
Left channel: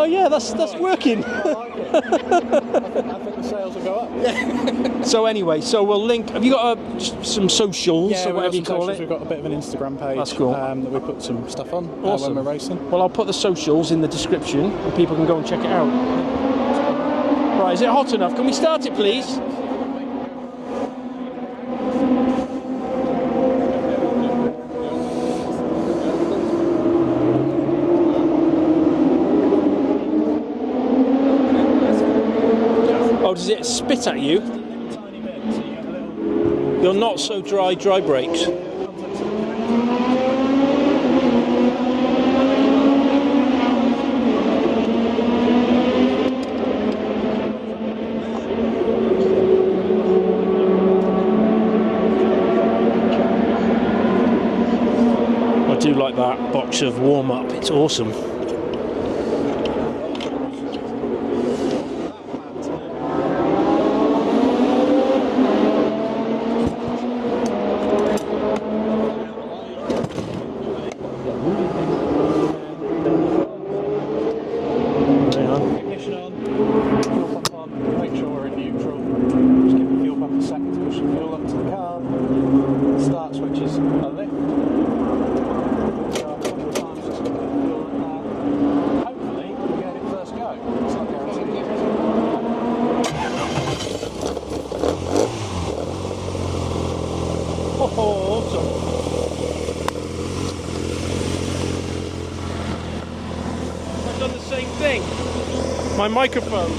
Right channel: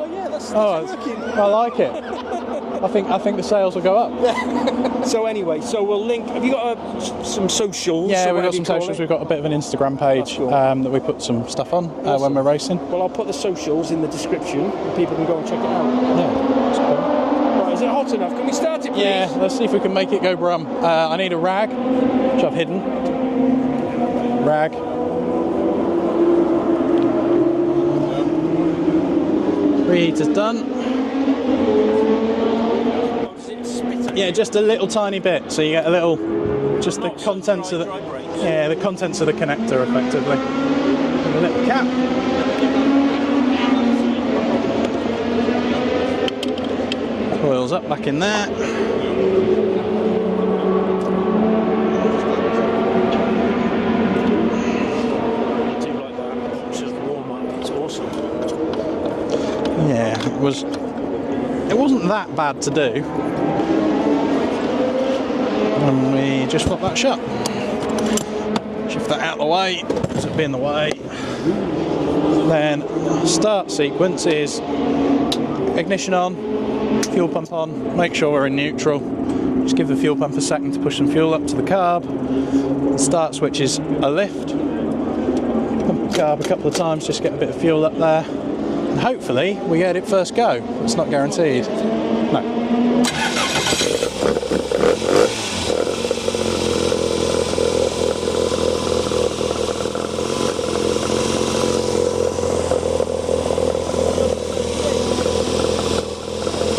Oh yeah, that's working. I like it. I think the sales will go up. So anyway, so we'll link. Have you got some socials? Yeah, or we've whatever got you some call socials. it? We've got a bit of an Instagram page Cool. that we put some stuff on when we're racing. Well, I'll put the socials in the description, and people can go and check it out. Yeah. Right, is it hot enough? Can we start it, please? Yeah, let's see if we can make it go brum. I need a rag, which I've hidden. Rag. Reheat is done. Oh, does it spit at Yeah, you? just a little tiny bit, so you get a little. You're not so dry brakes. Yeah, the contents of the connector, effectively. A little cap. Oils up back in there. I do like that box of warm-up. It's awesome. Yeah, it wasn't that bad to do. And we just flip that shut. Shift that out of the way, because it'd be in the way. Then start sequence is ignition on, fuel pump on, make sure we're in neutral. Just give the fuel pump a second to push some fuel up to the carb. Start switch is a lift. Pump the carb a couple of times, just get a bit of fuel up there. And hopefully we get it first go. It's not guaranteed. No. Microphone.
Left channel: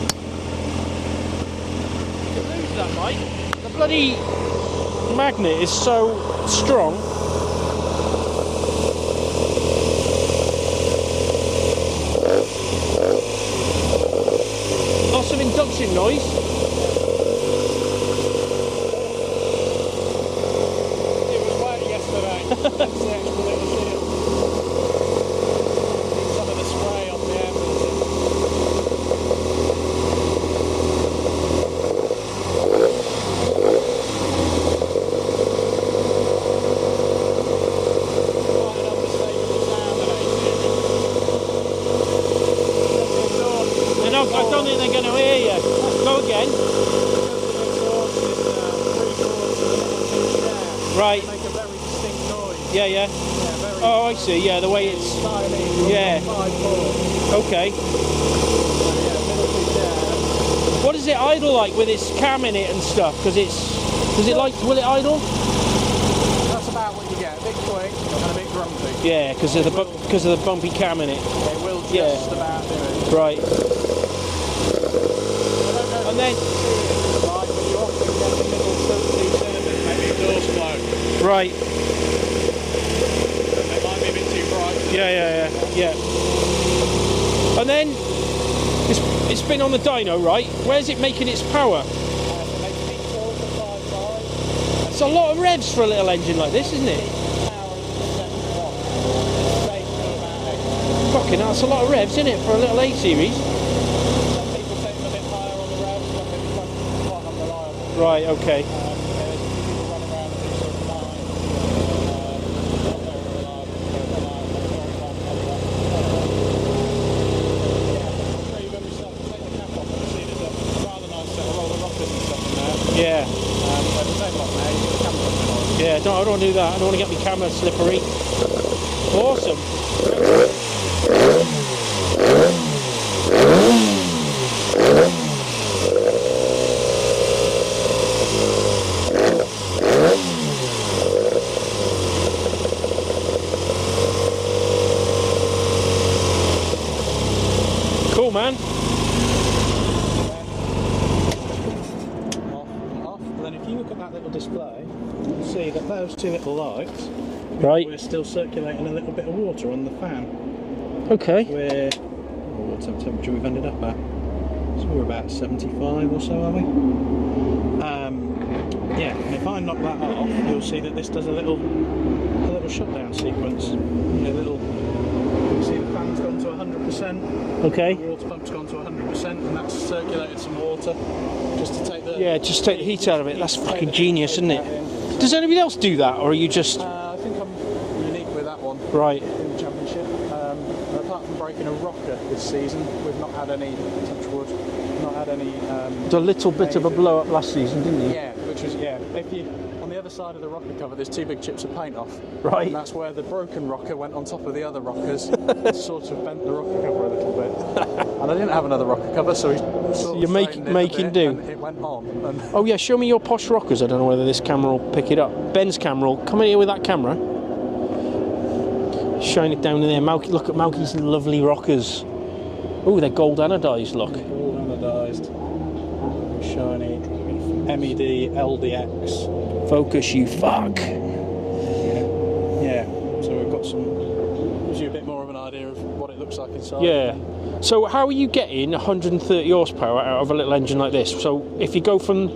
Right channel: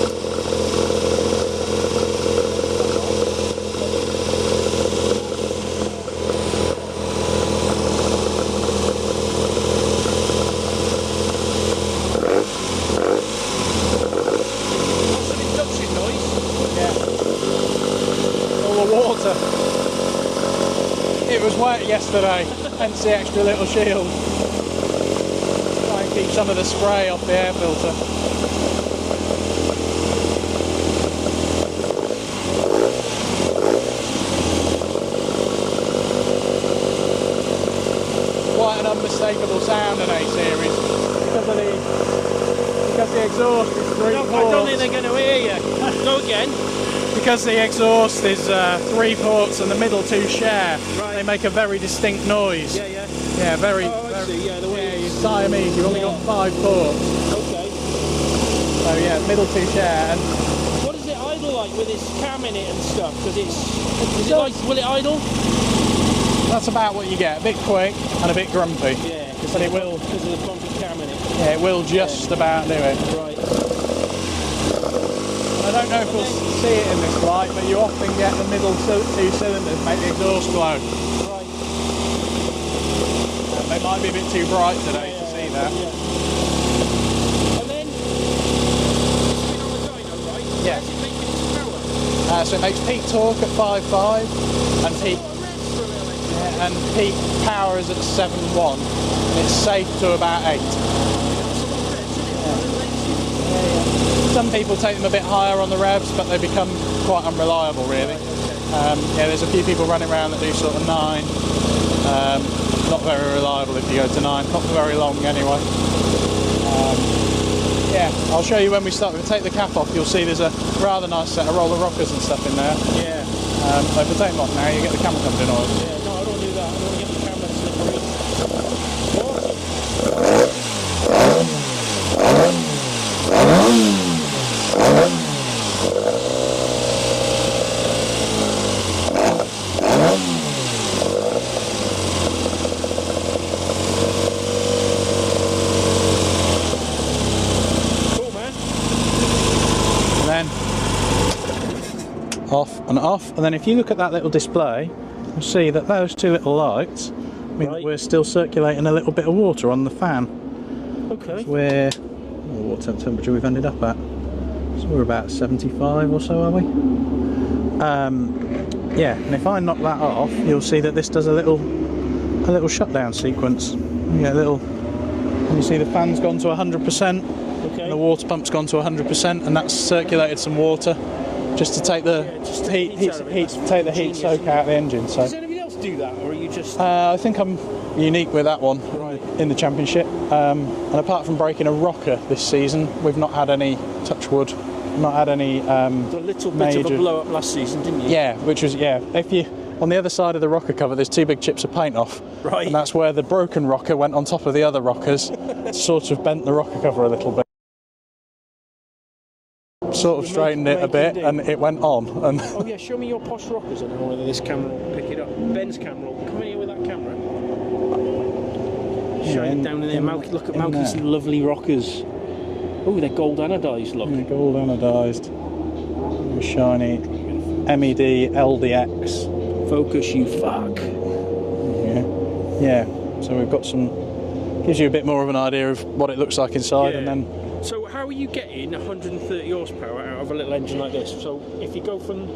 Is that right? The bloody magnet is so strong. Lots of induction noise. Yeah. All the water. It was wet yesterday, hence the extra little shield. Try and keep some of the spray off the air filter. Quite an unmistakable sound in A-series because of the exhaust. I don't think they're going to hear you. Go again. Because the exhaust is 3/4 and the middle two share. Right. They make a very distinct noise. Yeah, yeah. Yeah, very. Oh, I see. Yeah, the way it's. Siamese. You're Yeah. 5/4. Okay. So yeah, middle two share. What is it idle like with its cam in it and stuff? Because it's. Is it like? Will it idle? That's about what you get. A bit quick and a bit grumpy. Yeah, because of the bumpy cam in it. Yeah, it will just about do it. Right. I don't know if And you'll then- see it in this light, but you often get the middle two cylinders make the exhaust blown. Right. And they might be a bit too bright today. Yeah. And then it's been on the dyno, right? Yeah. Where's it making its power? So it makes peak torque at 5.5. And It's a lot of revs for a little engine like this, and isn't it? peak power is at 7.1. It's safe to about 8. Fucking hell, that's a lot of revs, isn't it, for a little A-series? Some people take them a bit higher on the revs, but they become quite unreliable, really. Right, okay. Yeah, there's a few people running around that do sort of 9. Not very reliable if you go to 9. Not for very long, anyway. Yeah, I'll show you when we start. If we take the cap off, you'll see there's a rather nice set of roller rockers and stuff in there. Yeah. So if we take them off now, you get the camera comes in on. Yeah, I don't want to do that. I don't want to get the camera slippery. Awesome. Cool, man. And then off and off. And then if you look at that little display, you'll see that those two little lights mean Right. we're still circulating a little bit of water on the fan. Okay. What temperature we've ended up at? So we're about 75 or so, are we? Yeah, and if I knock that off, you'll see that this does a little shutdown sequence. Yeah, you see the fan's gone to 100%. Okay. The water pump's gone to 100%, and that's circulated some water just to take the just take the heat out of it. That's take fucking the heat genius, soak isn't out it? of the engine. So. Does anybody else do that, or are you just I think I'm unique with that one. right In the championship, and apart from breaking a rocker this season, we've not had any, touch wood, not had any. a little bit of a major- blow up last season, didn't you? Yeah, which was if you on the other side of the rocker cover, there's two big chips of paint off. Right. And that's where the broken rocker went on top of the other rockers, sort of bent the rocker cover a little bit. And I didn't have another rocker cover, so we sort of You're straightened it a making bit, do. and it went on. And Oh yeah, show me your posh rockers. I don't know whether this camera will pick it up. Ben's camera will come in here with that camera. Shine it down in there. Malky, look at Malky's lovely rockers. Oh, they're gold anodised, look. gold anodised, shiny MED LDX. Focus, you fuck. Yeah. So we've got some. Gives you a bit more of an idea of what it looks like inside. Yeah. And then So how are you getting 130 horsepower out of a little engine like this? So if you go from,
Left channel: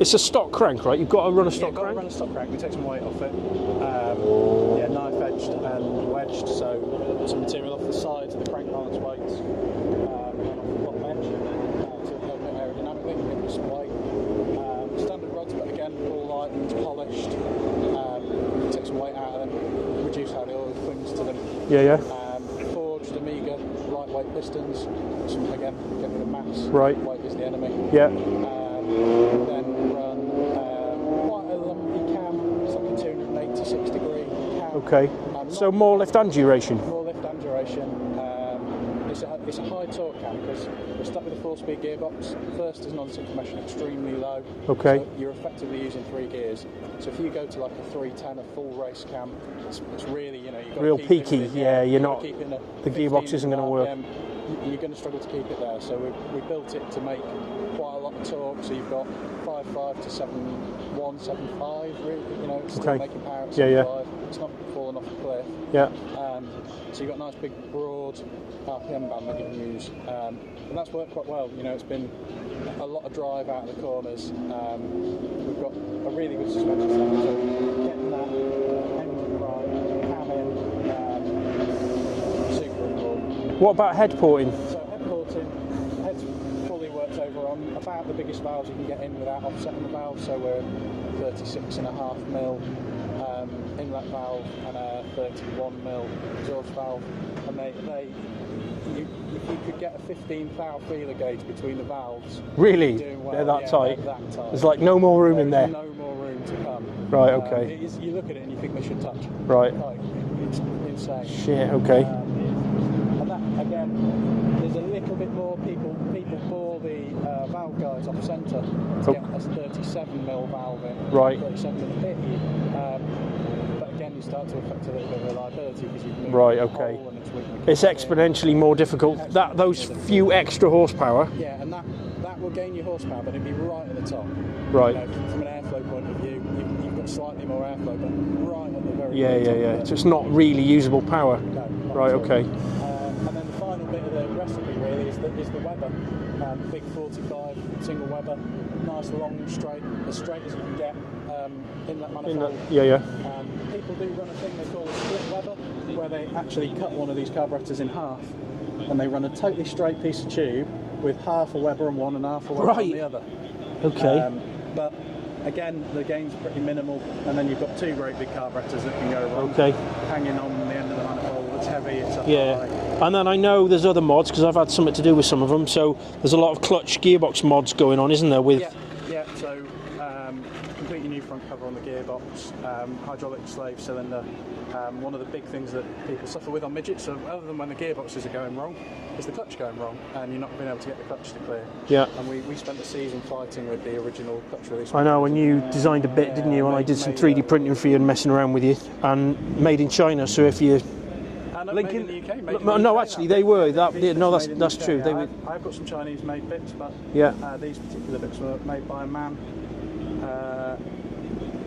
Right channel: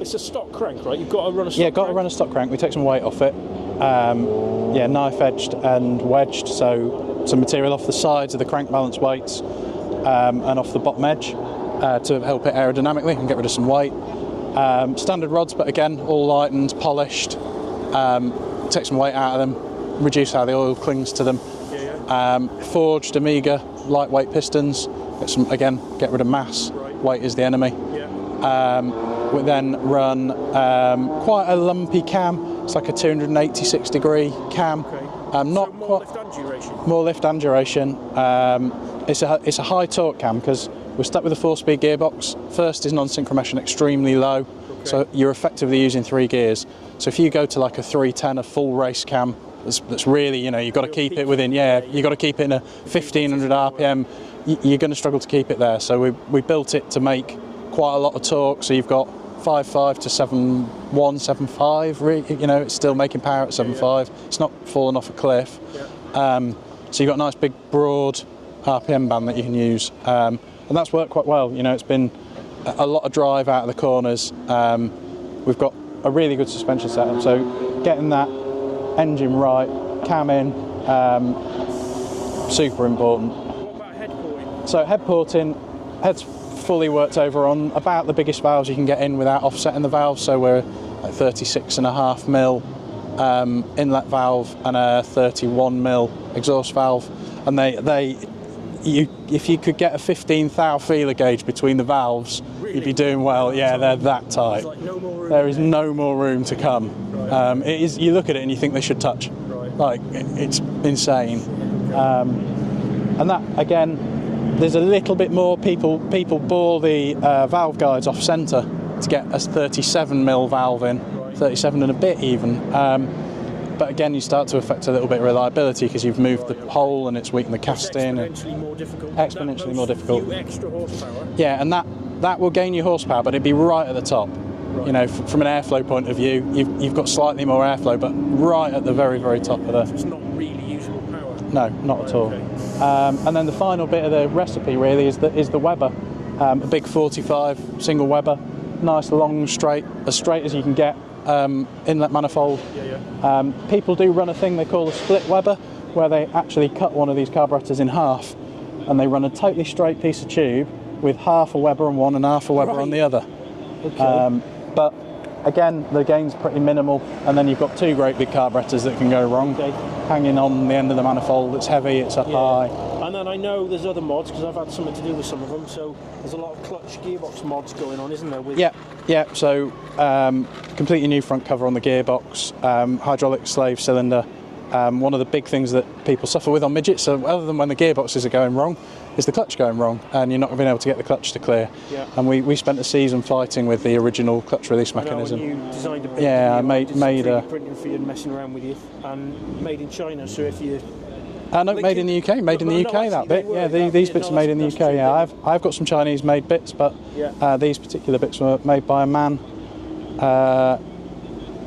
it's a stock crank, right? You've got to run a stock got to crank? run a stock crank. We take some weight off it. Knife edged and wedged, so some material off the sides of the crank balance weights and off the bottom edge to help it aerodynamically and get rid of some weight. Standard rods, but again, all lightened, polished. Take some weight out of them, reduce how the oil clings to them. Forged Amiga lightweight pistons. Get rid of mass. Right. Weight is the enemy. Yeah. We then run quite a lumpy cam. It's like a 286 degree cam. Okay. So more lift and duration. More lift and duration. It's a high torque cam because we're stuck with a 4-speed gearbox. First is non-synchromesh extremely low. Okay. So you're effectively using 3 gears. So if you go to like a 310, a full race cam, that's really, you've got to Real keep peaky. it within, Yeah, you've got to keep it in a the gearbox 1500 isn't gonna RPM. You're going to struggle to keep it there. So we built it to make quite a lot of torque. So you've got 5.5 to 7.1, 7.5. It's still making power at 7.5. It's not falling off a cliff. Yeah. So you've got a nice big broad RPM band that you can use, and that's worked quite well. It's been a lot of drive out of the corners. We've got a really good suspension setup, so getting that engine right, cam in, super important. What about head porting? So head porting, head's fully worked over on about the biggest valves you can get in without offsetting the valve. So we're at 36.5 mil inlet valve and a 31 mil exhaust valve, and if you could get a 15 thou feeler gauge between the valves, Really? you'd be doing well. They're that tight. There's like no more room. There is no more room to come. Right, okay. It is. You look at it and you think they should touch. Right. Like it's insane. Yeah. Okay. And that again, there's a little bit more. People bore the valve guides off centre to get a 37 mil valve in. Right. 37 and a bit even. But again, you start to affect a little bit of reliability because you've moved the pole and it's weakened the it's casting. exponentially more difficult. Exponentially more difficult. Few extra horsepower. Yeah, and that will gain you horsepower, but it'd be right at the top. Right. From an airflow point of view, you've got slightly more airflow, but right at the very top of So it's not really usable power. No, not Right, at all. okay. And then the final bit of the recipe really is the Weber, a big 45 single Weber, nice long straight, as straight as you can get. Inlet manifold. People do run a thing they call a split Weber, where they actually cut one of these carburetors in half, and they run a totally straight piece of tube with half a Weber on one and half a Weber on the other. Okay. But again, the gain's pretty minimal, and then you've got 2 great big carburetors that can go wrong. Okay. Hanging on the end of the manifold, it's heavy, it's up high. And then I know there's other mods because I've had something to do with some of them. So there's a lot of clutch gearbox mods going on, isn't there? With Yeah. So completely new front cover on the gearbox, hydraulic slave cylinder. One of the big things that people suffer with on midgets, so other than when the gearboxes are going wrong, is the clutch going wrong, and you're not being able to get the clutch to clear. Yeah. And we spent a season fighting with the original clutch release I know, mechanism. and you designed a bit, Yeah, didn't you? I did some made 3D printing for you and messing around with you, and made in China. So if you No, made in the UK. Made in the UK. No, actually, that they bit. were. Yeah, these bits no, are made in the that's UK. true. Yeah, I've got some Chinese-made bits, but Yeah. these particular bits were made by a man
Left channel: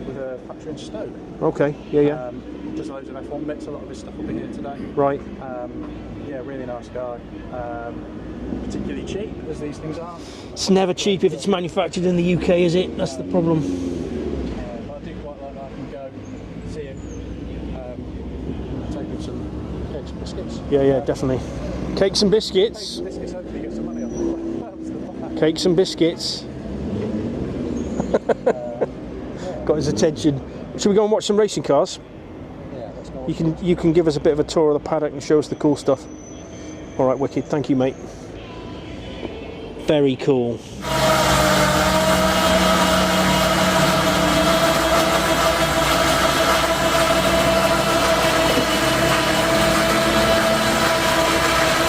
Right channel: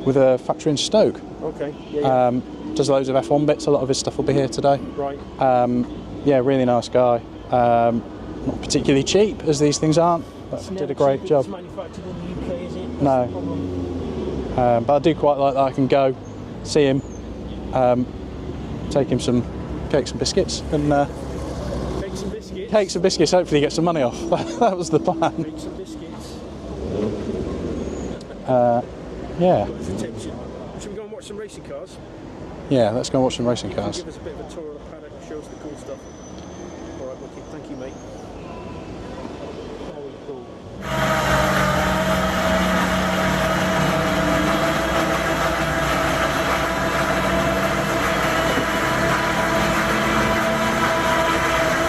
with a factory in Stoke. Okay. Yeah. Does loads of F1 bits. A lot of his stuff will be here today. Right. Yeah, really nice guy. Not particularly cheap, as these things aren't. It's never cheap if it's manufactured in the UK, is it? That's the problem. But I do quite like that I can go, see him, take him some cakes and biscuits. Yeah, definitely. Cakes and biscuits? Cakes and biscuits, hopefully get some money off. That was the plan. Cakes and biscuits. Yeah. Got his attention. Should we go and watch some racing cars? Yeah, let's go and watch some racing cars. You can give us a bit of a tour of the paddock and show us the cool stuff. All right, wicked. Thank you, mate. Very cool.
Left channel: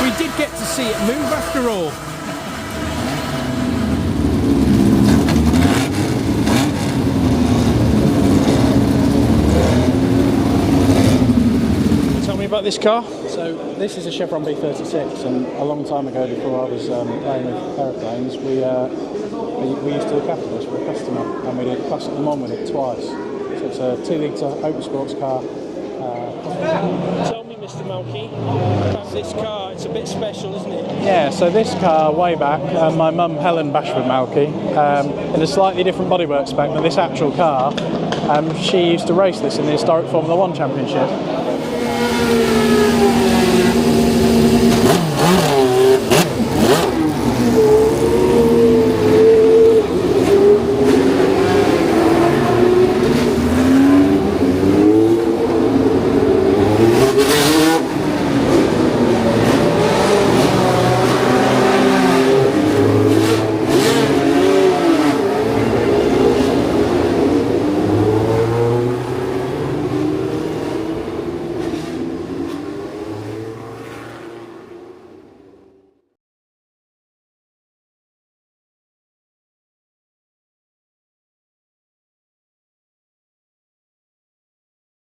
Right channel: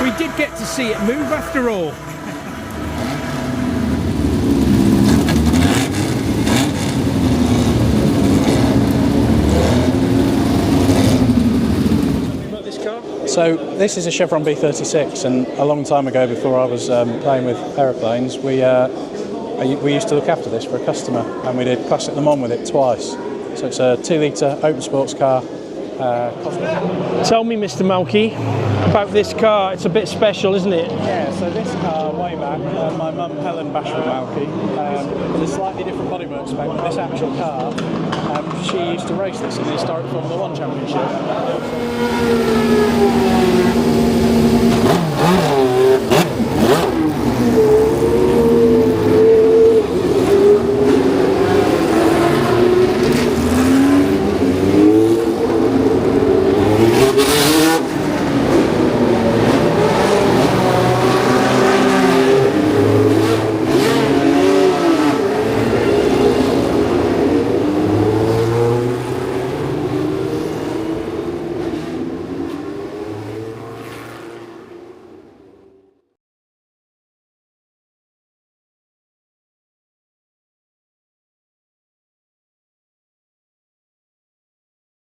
We did get to see it move after all. Tell me about this car. So this is a Chevron B36, and a long time ago, before I was playing with aeroplanes, we used to look after this for a customer, and we did Classic Le Mans with it twice. So it's a 2-litre open sports car. Tell me, Mr. Malky, about this car. It's a bit special, isn't it? Yeah, so this car, way back, my mum Helen Bashford Malky, in a slightly different bodywork spec than this actual car, she used to race this in the historic Formula 1 Championship.